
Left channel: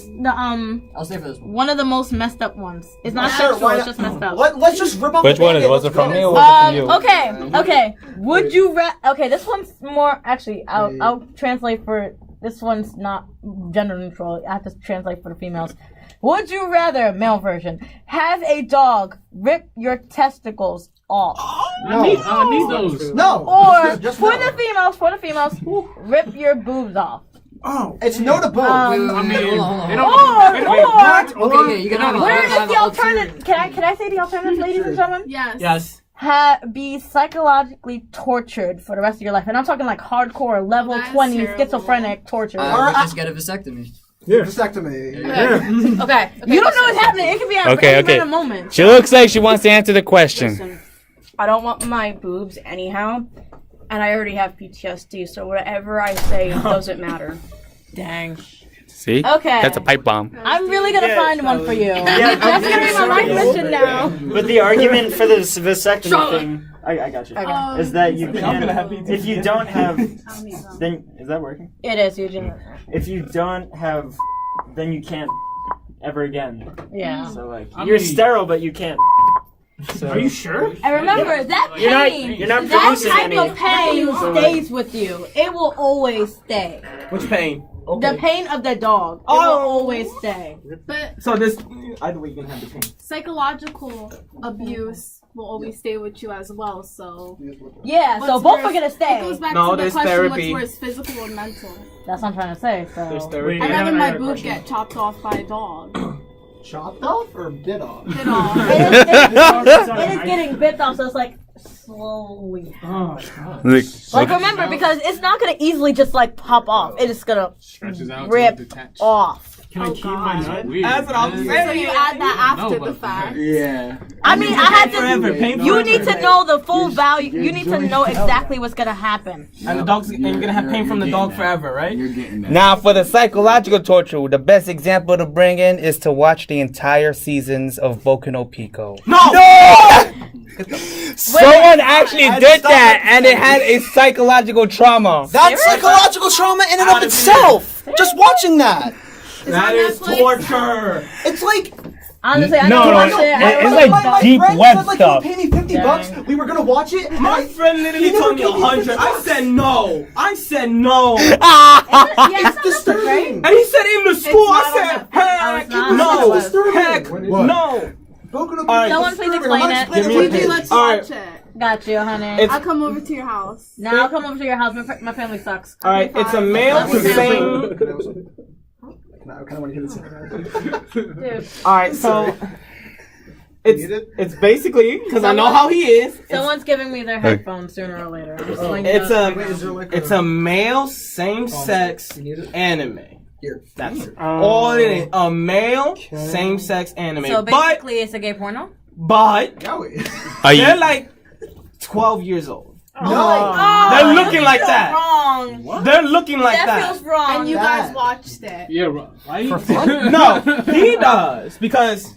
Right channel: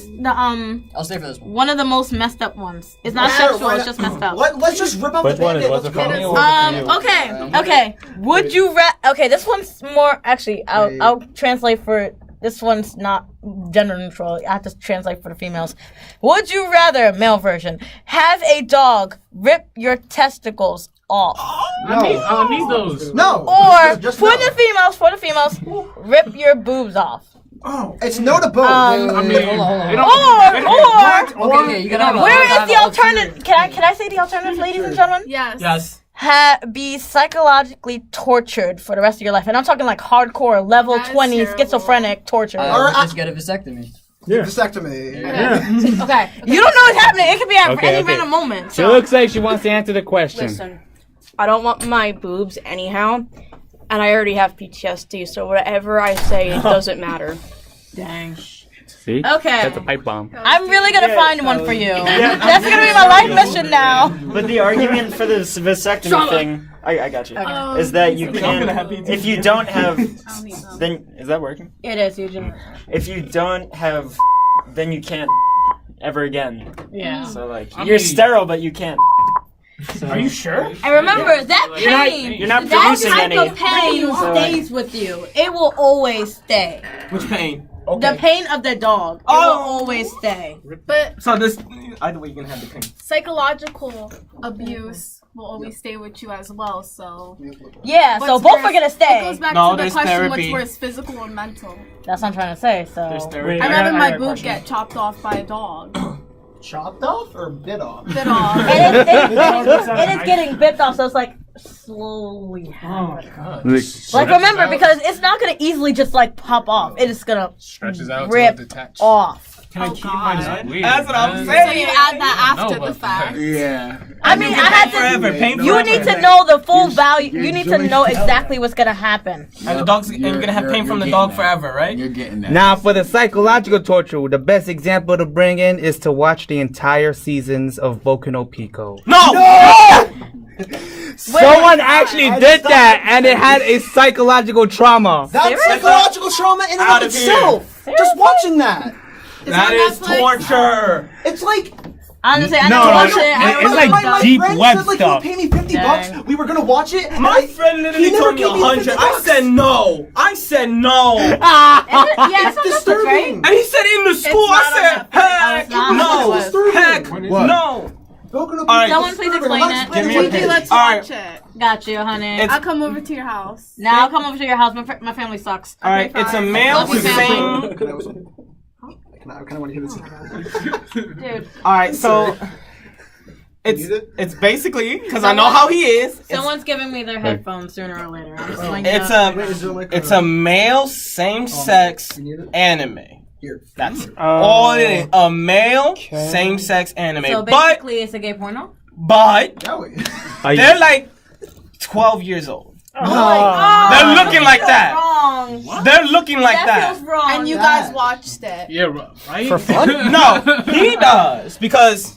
stay for this one. one of the most messed up ones? It's not Sure, sexual, why it's not? just messed up. Let's just rip out Which the one is? Band-Aid. Was it from Let's me get or was it from you? Okay. Would you okay, this one's more actually I'll translate for this one's not gender neutral. I have to translate for the females. Would you rather, male version, have a dog rip your testicles off? No. I need those. No. Or Just for no. the females, rip your boobs off. Oh, it's no to both. Okay, you gotta have a- where have is the a- alternative? Can I say the alternative, ladies and gentlemen? Yes. Yes. Be psychologically tortured for the rest of your life, and I'm talking like hardcore level That's 20 terrible. schizophrenic torture. I would just get a vasectomy. Vasectomy. Okay. You don't know what's happening. It could be at Okay, any okay. random moment. She looks like she wants to answer the question. Listen, I don't want my boobs anyhow, and I already have PTSD, so whatever I say, it doesn't matter. Dang. See? Okay. That's a pipe bomb. I'm really gonna find one for you. That's gonna be my life mission now. But the argument for the vasectomy thing, I got you, is that you can't. If you don't have, then is that working? It is usually. If you don't have, then you can't ever again. Yeah. So like, you're sterile, but you can't. So. Are you sure? And remember that pain, You're not that producing type any. of pain stays with you. It will always stay. Which pain? The pain of the dog. It will always stay. But So this, either way, you can have the pain. psychological abuse will always stay with you as well. So Yeah, so What's both worse- are gonna it stay. goes back No, to the there's question: therapy. what's worse, physical or mental? That's what I'm trying to say. There's So therapy. I'd rather I my got a boob question. get chopped off by a dog. Chopped off or bit off? Bit off. it is getting bit off, so it's like slowly. Like remember, because it's not gonna easily just like pop off. It is gonna Stretches out rip to detach. off. Can I keep my nut? That's what I'm So saying. you add that after the fact. Yeah. I mean, I had to. Forever, pain You forever. need to know the full value. You need to know exactly what's gonna happen. And the dog's, and you're gonna have pain from the dog forever, right? You're getting that. Now, for the psychological torture, the best example to bring in is to watch the entire seasons of Boku no Pico. Someone actually did that, and it had a psychological trauma. That's psychological trauma in and of itself. Just watching that. That is torture. It's like. Honestly, I No, need to no, watch no. it. I It's don't like know. deep friend web said, like, stuff. He'll pay me $50. We were gonna watch it. And My friend literally he never told me gave me 100. I $50. said no. I said no. Yeah, It's it's disturbing. And he said in the school, not I said, on heck not no. on Netflix. Heck What? no. Alright, Someone please explain it. Give me a Gigi, page. let's All watch right. it. Got you, honey. It's- I'll come over to your house. Now I'll come over to your house. My family sucks. All right, it's a male Love you, same. I kind of want to hear this. Dude, All right, so it's basically because I know Someone- how he is. someone's giving me their headphones sooner or later. I'm just letting you It's know. it's a male same-sex anime. Here. That's all it is. A male same-sex anime. So basically, it's a gay porno. But Joey. they're like 12 years old. Oh my god! They're looking like feels that. Wrong. They're looking like That that. feels wrong. And you guys watched it. Yeah, right? No, he does because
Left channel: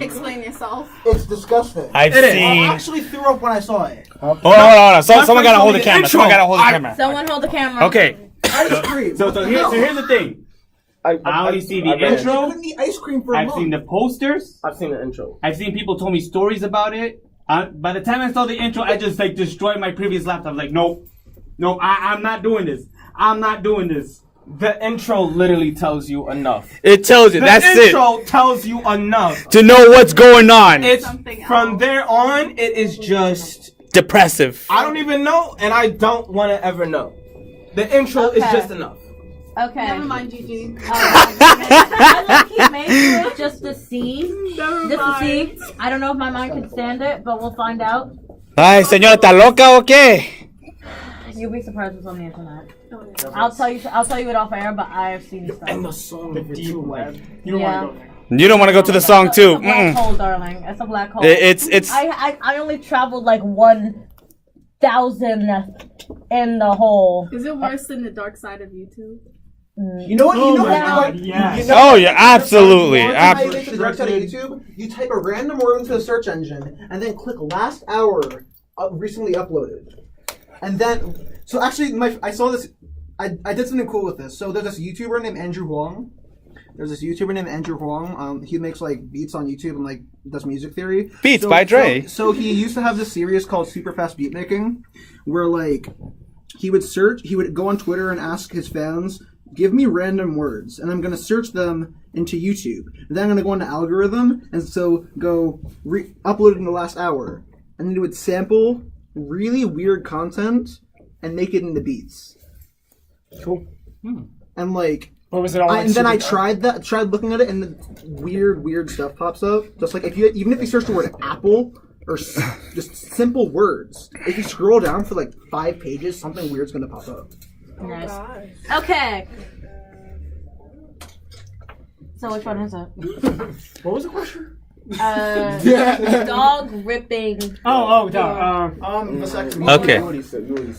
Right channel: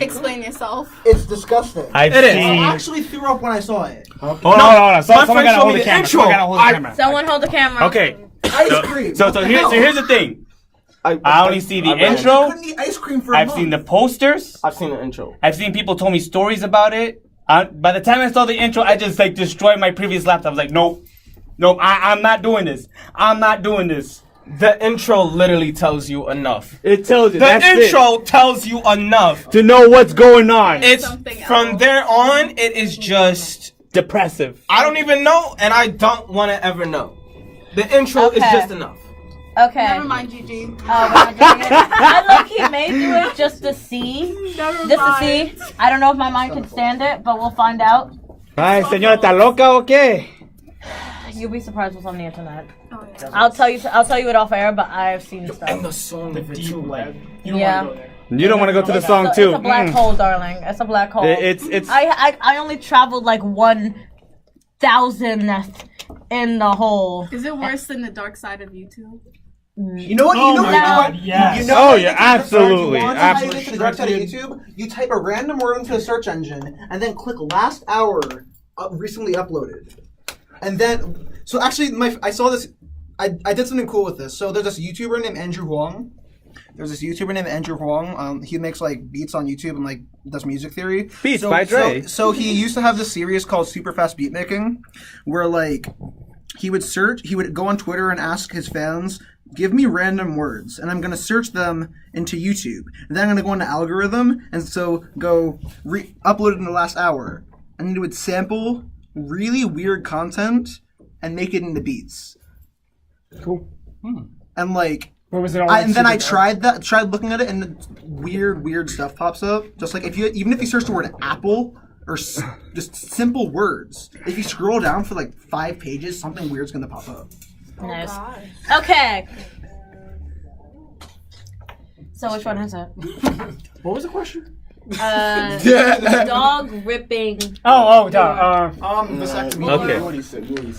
Explain yourself. It's disgusting. I've It is. I seen. actually threw up when I saw it. Hold on. My Someone friend gotta showed hold me the the camera. intro. Someone gotta hold the camera. Someone hold the camera. Okay. Ice cream. So here's the thing. I only see the I intro. couldn't eat ice cream for a I've month. seen the posters. I've seen the intro. I've seen people told me stories about it. By the time I saw the intro, I just like destroyed my previous laptop. I was like, nope, I'm not doing this. I'm not doing this. The intro literally tells you enough. It tells you. The That's intro tells you enough. to know what's going on. It's Something from else. there on. It is just Depressive. I don't even know, and I don't want to ever know. The intro is Okay. just enough. Okay. Never mind, Gigi. I low-key made you it just to see. Never Just to mind. see. I don't know if my mind can stand it, but we'll find out. Ay, señora, ¿está loca o qué? You'll be surprised what's on the internet. Oh, yeah. I'll tell you it off air, but I've seen stuff. song, the deep web. Yeah. You don't want to go to the song It's too. a black hole, darling. It's a black hole. It's. I only traveled like 1,000th in the hole. Is it worse than the dark side of YouTube? You know what? You know what? God, yes. You know Oh what? yeah, absolutely. You want to know how you get to the dark side of YouTube? You type a random word into a search engine and then click last hour recently uploaded. And then, so actually, I saw this. I did something cool with this. So there's this YouTuber named Andrew Huang. He makes like beats on YouTube and like does music theory. Beats by Dre. So he used to have this series called Super Fast Beat Making, where like he would go on Twitter and ask his fans, give me random words, and I'm gonna search them into YouTube. And then I'm gonna go into algorithm, and so go upload it in the last hour, and then it would sample really weird content and make it into beats. Cool. And like. What was it all? And then I tried looking at it, and weird stuff pops up. Just like even if you search the word apple or just simple words, if you scroll down for like 5 pages, something weird's gonna pop up. Nice. Okay. So which one is it? What was the question? dog ripping.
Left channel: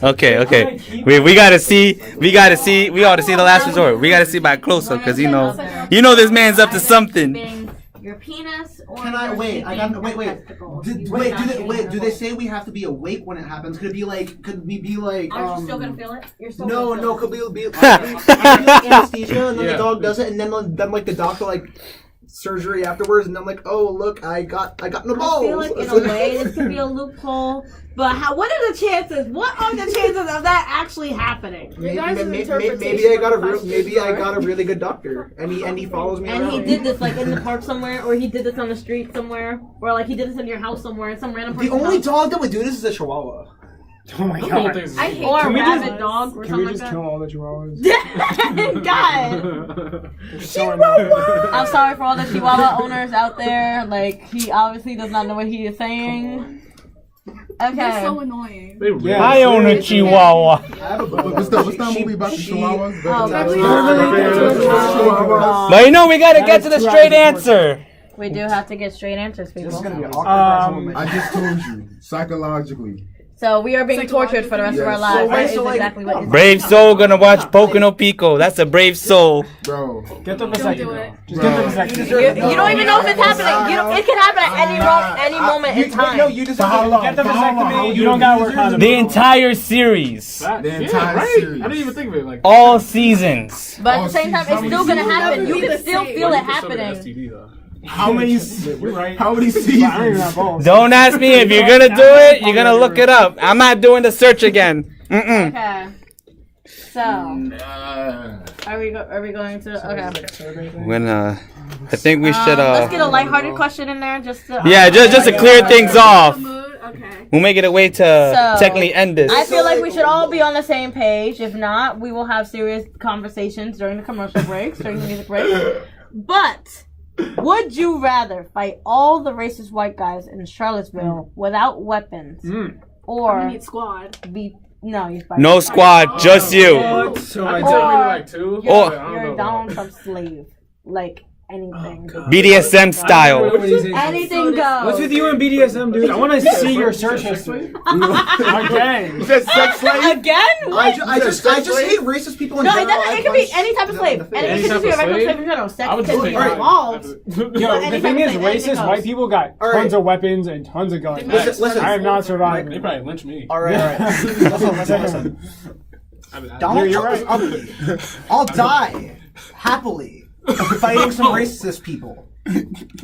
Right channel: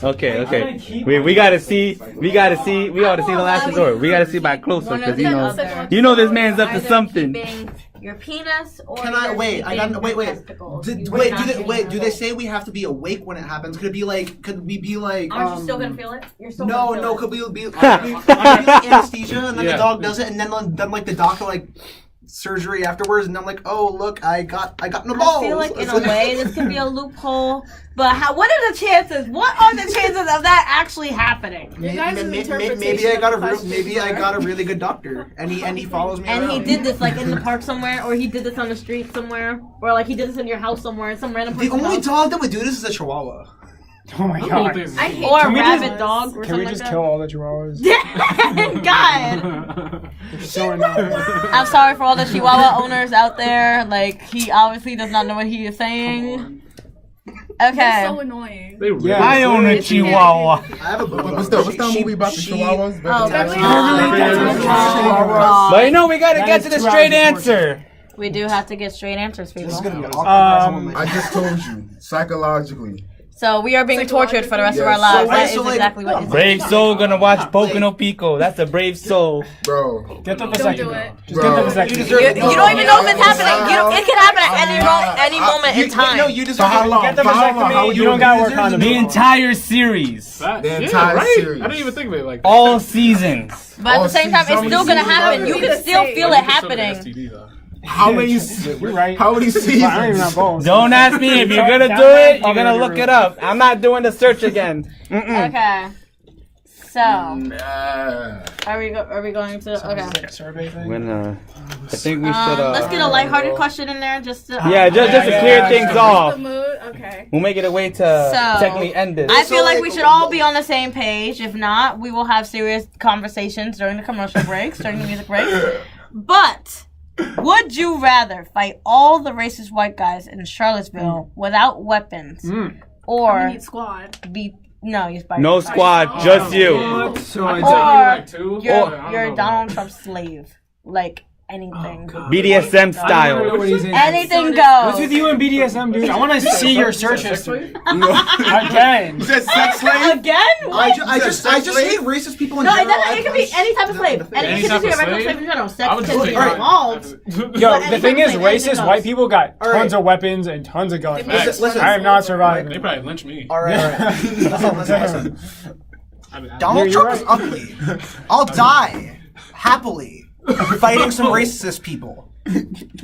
Okay. We gotta see. We ought to see the last resort. We gotta see by closer because you know this man's up to something. Your penis or Can I wait? I got wait. Do they say we have to be awake when it happens? Could we be like? Aren't you still gonna feel it? You're still No. Could we be anesthesia and then the dog does it and then like the doctor like surgery afterwards and I'm like, oh look, I got no balls. I feel like in a way this could be a loophole, but what are the chances? What are the chances of that actually happening? Maybe I got a really good doctor and he follows me and around. he did this like in the park somewhere, or he did this on the street somewhere, or like he did this in your house somewhere, some random person. The only dog that would do this is a Chihuahua. Oh my god. Or a rabid dog or Can we something just like kill all the chihuahuas? God. I'm sorry for all the Chihuahua owners out there. Like, he obviously does not know what he is saying. Okay. They're so annoying. I own a Chihuahua. I have a What's that movie about the Chihuahuas? But you know we gotta get to the straight answer. We do have to get straight answers, people. This is gonna be awkward. I just told you, psychologically. So we are being tortured for the rest of our lives. That is exactly what it is. Brave soul gonna watch Pocono Pico. That's a brave soul. Bro. Get the Don't do it. Just get the vasectomy. You don't even know if it's happening. It could happen at any moment in time. No, you deserve For how long? Get the For how long? How vasectomy. would You don't gotta work on The entire series. The entire series. I didn't even think of it like that. All seasons. But at the same time, it's still gonna happen. You can still feel it happening. How many? You're right. How many I don't even have seasons? balls. Don't ask me if you're gonna do it. You're gonna look it up. I'm not doing the search again. Okay. So, are we going to? Okay. I think we should. Let's get a lighthearted question in there, just to. Yeah, just to clear things off. Okay. We'll make it a way to technically end this. I feel like we should all be on the same page. If not, we will have serious conversations during the commercial breaks, during the music breaks. But would you rather fight all the racist white guys in Charlottesville without weapons, or be no squad, just you? or you're Donald Trump's slave, like anything. BDSM style. Anything goes. What's with you and BDSM, dude? I want to see your search history. Again. Is that sex slave? Again? What? I just hate racist people in No, general. it could be any type of slave. And it could be a regular slave in general. Sex can be involved. Yo, the thing is, racist white people got tons of weapons and tons of guns. Listen, I am not surviving. They probably lynch me. All right. Listen. Donald Trump is ugly. I'll die happily fighting some racist people.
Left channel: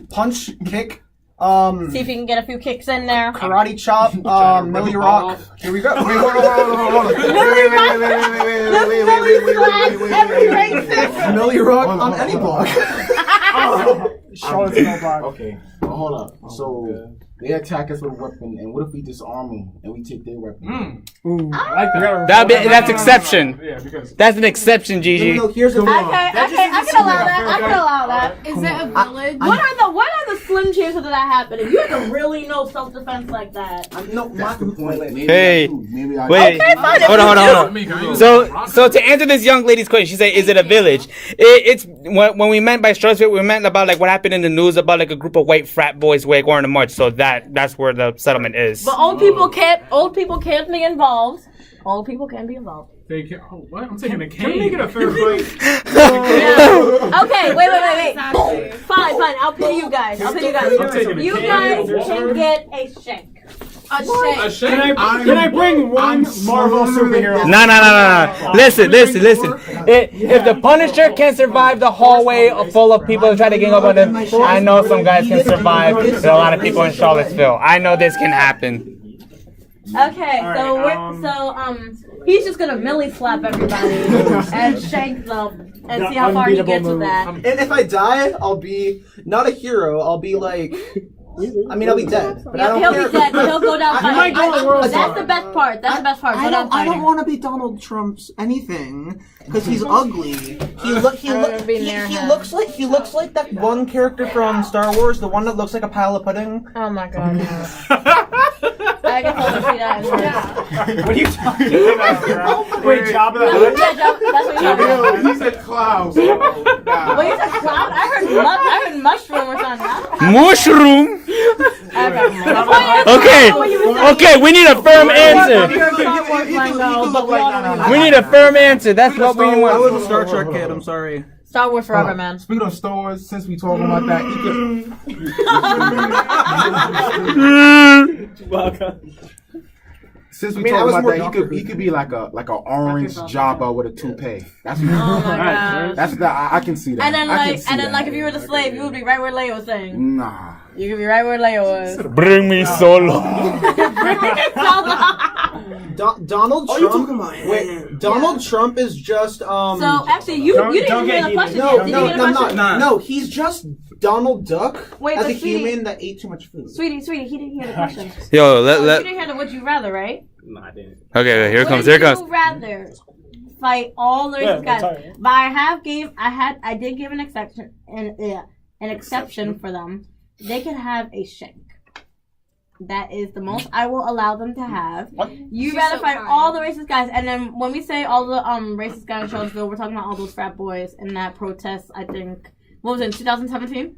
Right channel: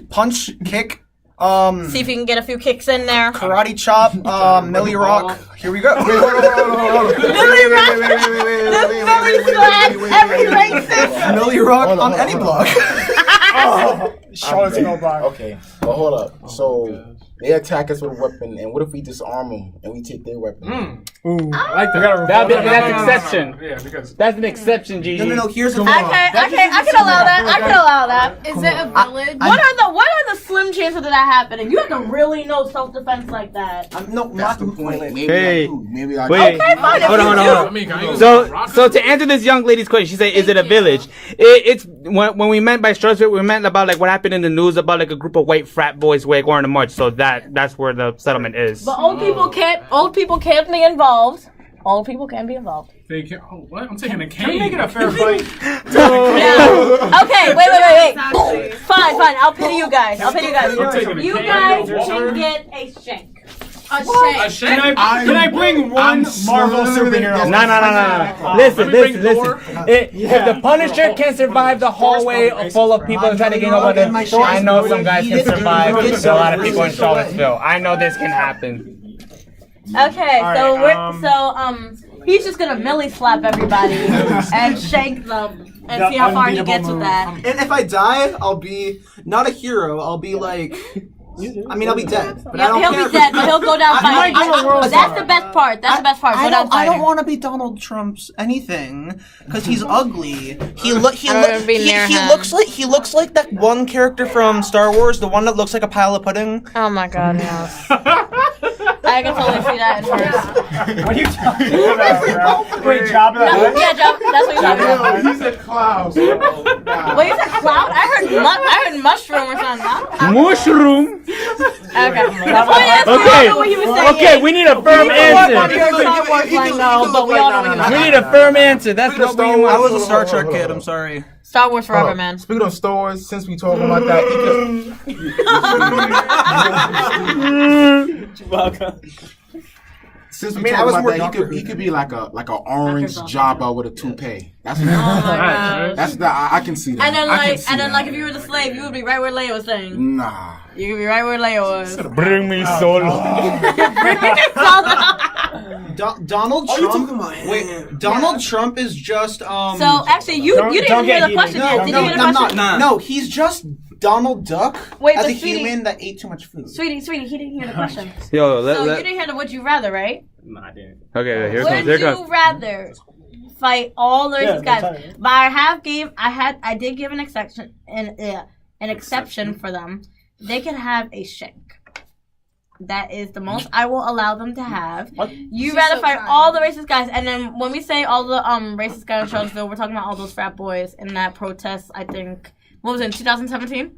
Punch, kick. See if you can get a few kicks in there. Karate chop, Millie Rock. Here we go. Millie every racist. Millie Rock on any block. Charlottesville block. Okay, but hold up. So they attack us with a weapon, and what if we disarm them and we take their weapon? I like that. That's exception. Yeah, because That's an exception, Gigi. No, here's the thing. Okay, I can allow that. I can allow that. Is it a village? What are the slim chances of that happening? You have to really know self-defense like that. No, That's the point. Maybe Hey. maybe I Wait, hold on. So to answer this young lady's question, she said, "Is it a village?" It's when we meant by Charlottesville, we meant about like what happened in the news about like a group of white frat boys who were going to march. So that's where the settlement is. But old people can't be involved. Old people can be involved. they can. Oh, what? I'm taking a Can we cane. make it a fair fight? Okay, wait. Fine. I'll pay you guys. You guys can get a shank. A shank. Can I bring one Marvel superhero? No. Listen. If the Punisher can survive the hallway full of people and try to gang up on him, I know some guys can survive. There's a lot of people in Charlottesville. I know this can happen. Okay, he's just gonna millie slap everybody and shank them and see how far he gets with that. And if I die, I'll be not a hero. I'll be like I mean, I'll be dead, but I Yeah, don't he'll care. be dead, but he'll go down fighting. I- That's the best part. That's the best part. Go down I fighting. don't want to be Donald Trump's anything because he's ugly. He looks like that one character from Star Wars, the one that looks like a pile of pudding. Oh my god, no. I can totally see that in person. What are you talking about, bro? Wait, Jabba the Hutt? Yeah, that's what you're talking about. He said clouds. Wait, you said cloud? I heard mushroom or something. Mushroom. Okay. Okay, we need a firm answer. Your Star Wars lingo, but we all know what he was We need a firm answer. That's what we I want. was a Star Trek kid. I'm sorry. Star Wars forever, man. Speaking of Star Wars, since we talking about that, since we talking about that, he could be like a orange Jabba with a toupee. That's Oh my god. that's the I can see that. And then like if you were the slave, you would be right where Leia was saying. Nah. You could be right where Leia was. Bring me solo. Donald Trump. Wait, Donald Trump is just So actually, you didn't even hear the question yet. Did you hear the question? No, he's just Donald Duck Wait, as but a sweetie- human that ate too much food. Sweetie, he didn't hear the question. Yo, So you let. didn't hear the would you rather, right? No, I didn't. Okay, here it comes. Would Here it you comes. rather fight all the racist that's guys? all right. But I did give an exception for them. They can have a shank. That is the most I will allow them to have. You rather fight all the racist guys, and then when we say all the racist guys in Charlottesville, we're talking about all those frat boys in that protest. I think what was it, in 2017?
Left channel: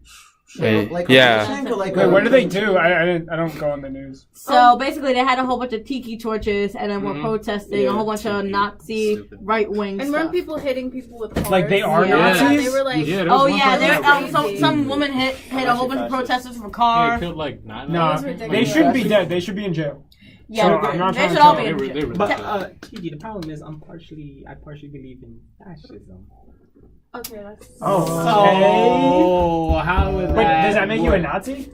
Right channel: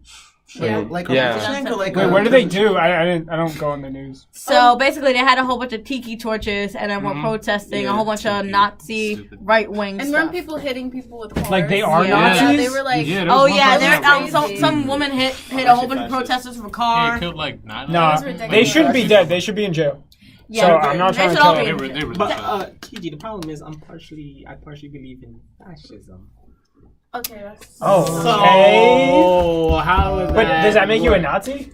Wait, Like yeah. Wait, what do they do? I don't go on the news. So basically, they had a whole bunch of tiki torches, and then we're protesting a whole bunch of Nazi right wing And stuff. weren't people hitting people with cars? Like they are Yeah. Nazis? They were like, Oh yeah, there some woman hit a whole bunch of protesters with a car. killed like 9 Nah, they shouldn't be dead. They should be in jail. Yeah, So I'm not they trying to should all tell be you. in jail. But TG, the problem is I partially believe in fascism. okay, that's. Oh, Oh, how is But that? does that make you a Nazi?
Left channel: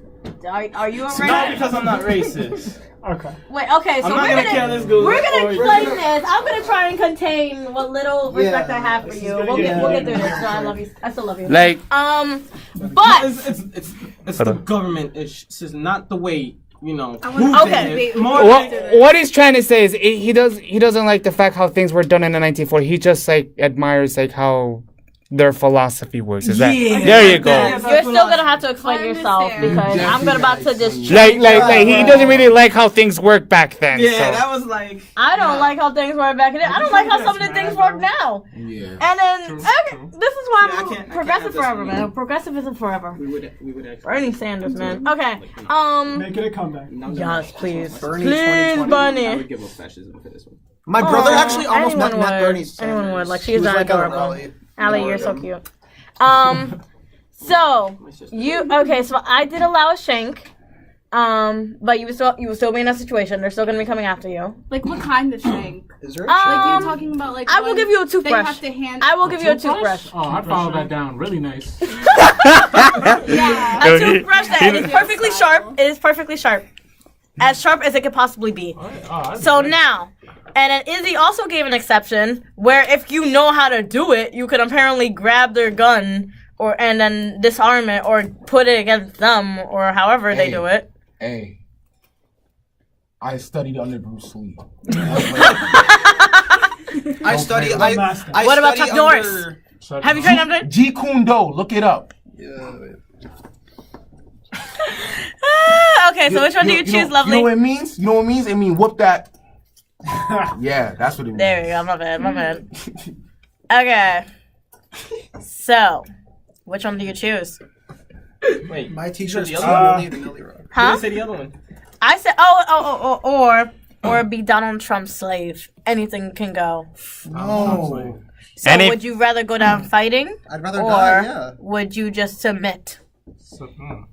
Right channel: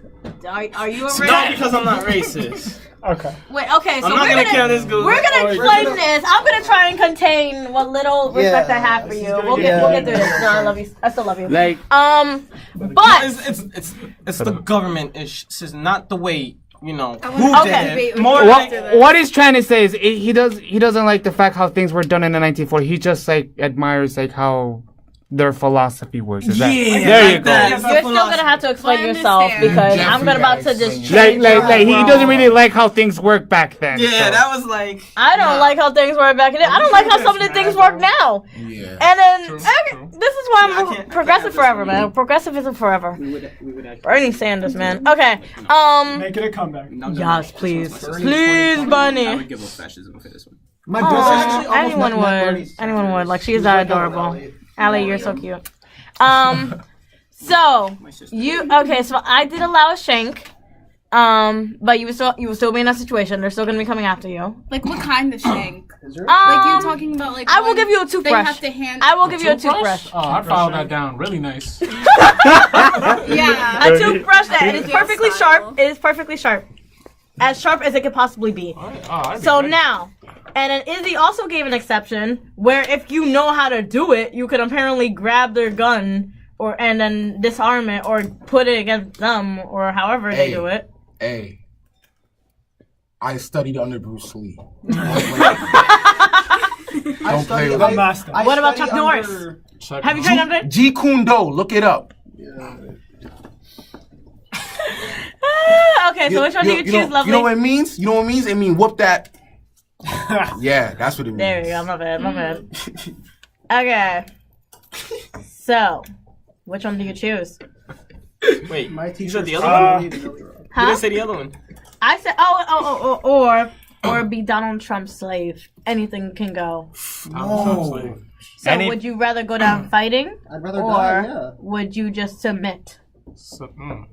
Are you a Not because I'm not racist. Okay. Wait, okay, so I'm not gonna kill this goose. We're gonna Or- explain this. I'm gonna try and contain what little respect I have for you. We'll get through this. No, I love you. I still love you. Like, No, but it's the government. It's not the way I who want to did debate it. with More you like after this. what he's trying to say is he doesn't like the fact how things were done in the 1940s. He just like admires like how their philosophy works. Is that there you go? you're still gonna have to explain yourself because I'm about to just Like he doesn't really like how things work back then. Yeah, so. that was like. I don't like how things work back then. I don't like how some of the things work now. Yeah. And then this is why I'm progressive forever, man. Progressivism forever. We would actually. Bernie Sanders, man. Okay. Make it a comeback. Yes, please. Bernie Please, 2020, I Bernie. would give up fascism for this one. My brother actually almost Anyone met Bernie would. Sanders. Anyone would. Like, she He is was that like, adorable. "Oh, Allie, you're so cute. So so I did allow a shank. But you would still be in a situation. They're still gonna be coming after you. Like what kind of shank? Is there a Like you were talking about like. I will one give you a They toothbrush. have to hand. I will give you a toothbrush. Oh, I followed that down. Really nice. Yeah. A toothbrush that is perfectly sharp. It is perfectly sharp. As sharp as it could possibly be. So now, and then Izzy also gave an exception where if you know how to do it, you could apparently grab their gun and then disarm it or put it against them or however they do it. Hey, I studied under Bruce Lee. I study. What about Chuck Norris? Have you tried under? Jeet Kune Do, look it up. Okay, so which one do you choose, lovely? You know what it means? You know what it means? It means whoop that. Yeah, that's what it means. There we go. My bad. Okay. So, which one do you choose? Wait, My teacher the other one? You Huh? You say the other one. I said, or be Donald Trump's slave. Anything can go. No. So would you rather go down fighting, I'd rather or die. Yeah. would you just submit?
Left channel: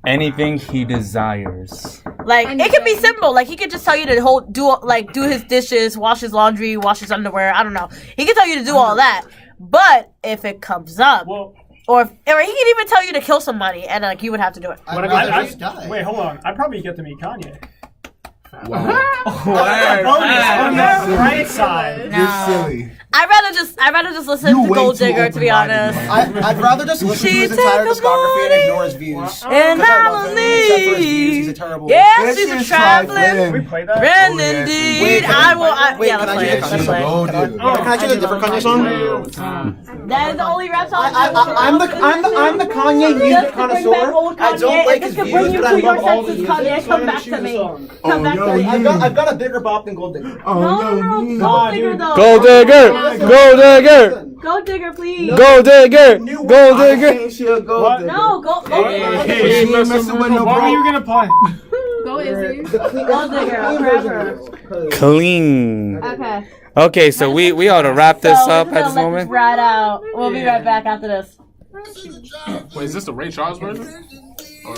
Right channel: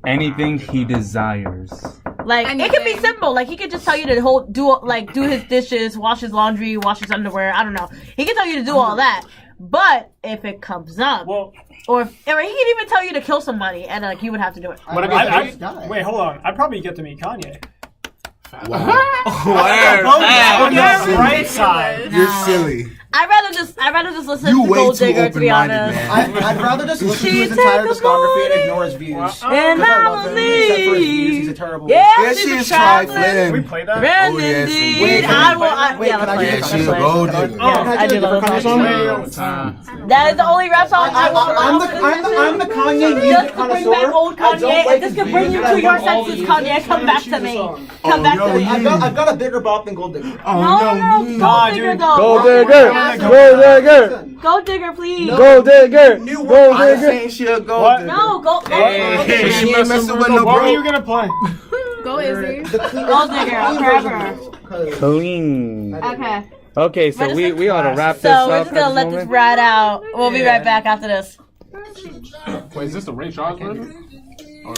Anything he desires. Like it could be simple. Like he could just tell you to do his dishes, wash his laundry, wash his underwear. I don't know. He could tell you to do all that. But if it comes up, or he could even tell you to kill somebody, and like you would have to do it. Wait, hold on. I'd probably get to meet Kanye. You're silly. I'd rather just listen You to way Gold too Digger, to be open-minded, honest. man. I'd rather just listen to She his entire took a discography and bullet ignore his views. And Because I I'm love him, except for his views, leave. he's a terrible. Yeah, That she's shit's a traveling. trifling. Play that? Then Oh, yes, indeed, Wait, I will. wait, Yeah, can let's I play do it. this? Let's She a play it. gold digger. Can I do a different Kanye song? That is the only rap song I will. I'm the Kanye music Just to bring back connoisseur. old I don't Kanye, like and this his could bring views, you but to I your love all senses, the Kanye. Come back to me. Come back to me. I've got a bigger bop than Gold Digger. No, Gold Digger though. Gold Digger. Gold Digger. Gold Digger, please. Gold Digger. Gold I Digger. think she a gold digger. No, Gold She ain't messing with no What were you bro. gonna play? Go, Izzy. Gold Digger, forever. Clean. Okay. Okay, so we ought to wrap this So we're up just at gonna this let this moment. ride out. We'll be right back after this. Wait, is this the Ray Charles version? Or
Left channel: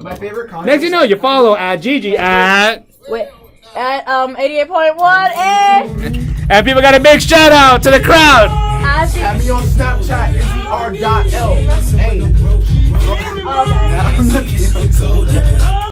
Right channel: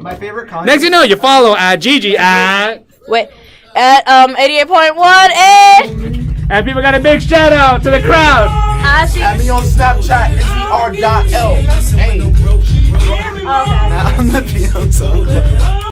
My favorite Kanye. Next you know, you follow at Gigi at Wait, at 88.1 and people got a big shout out to the crowd. I see. Add me on Snapchat, SBR.L. Hey. Okay. I'm the Beyonce.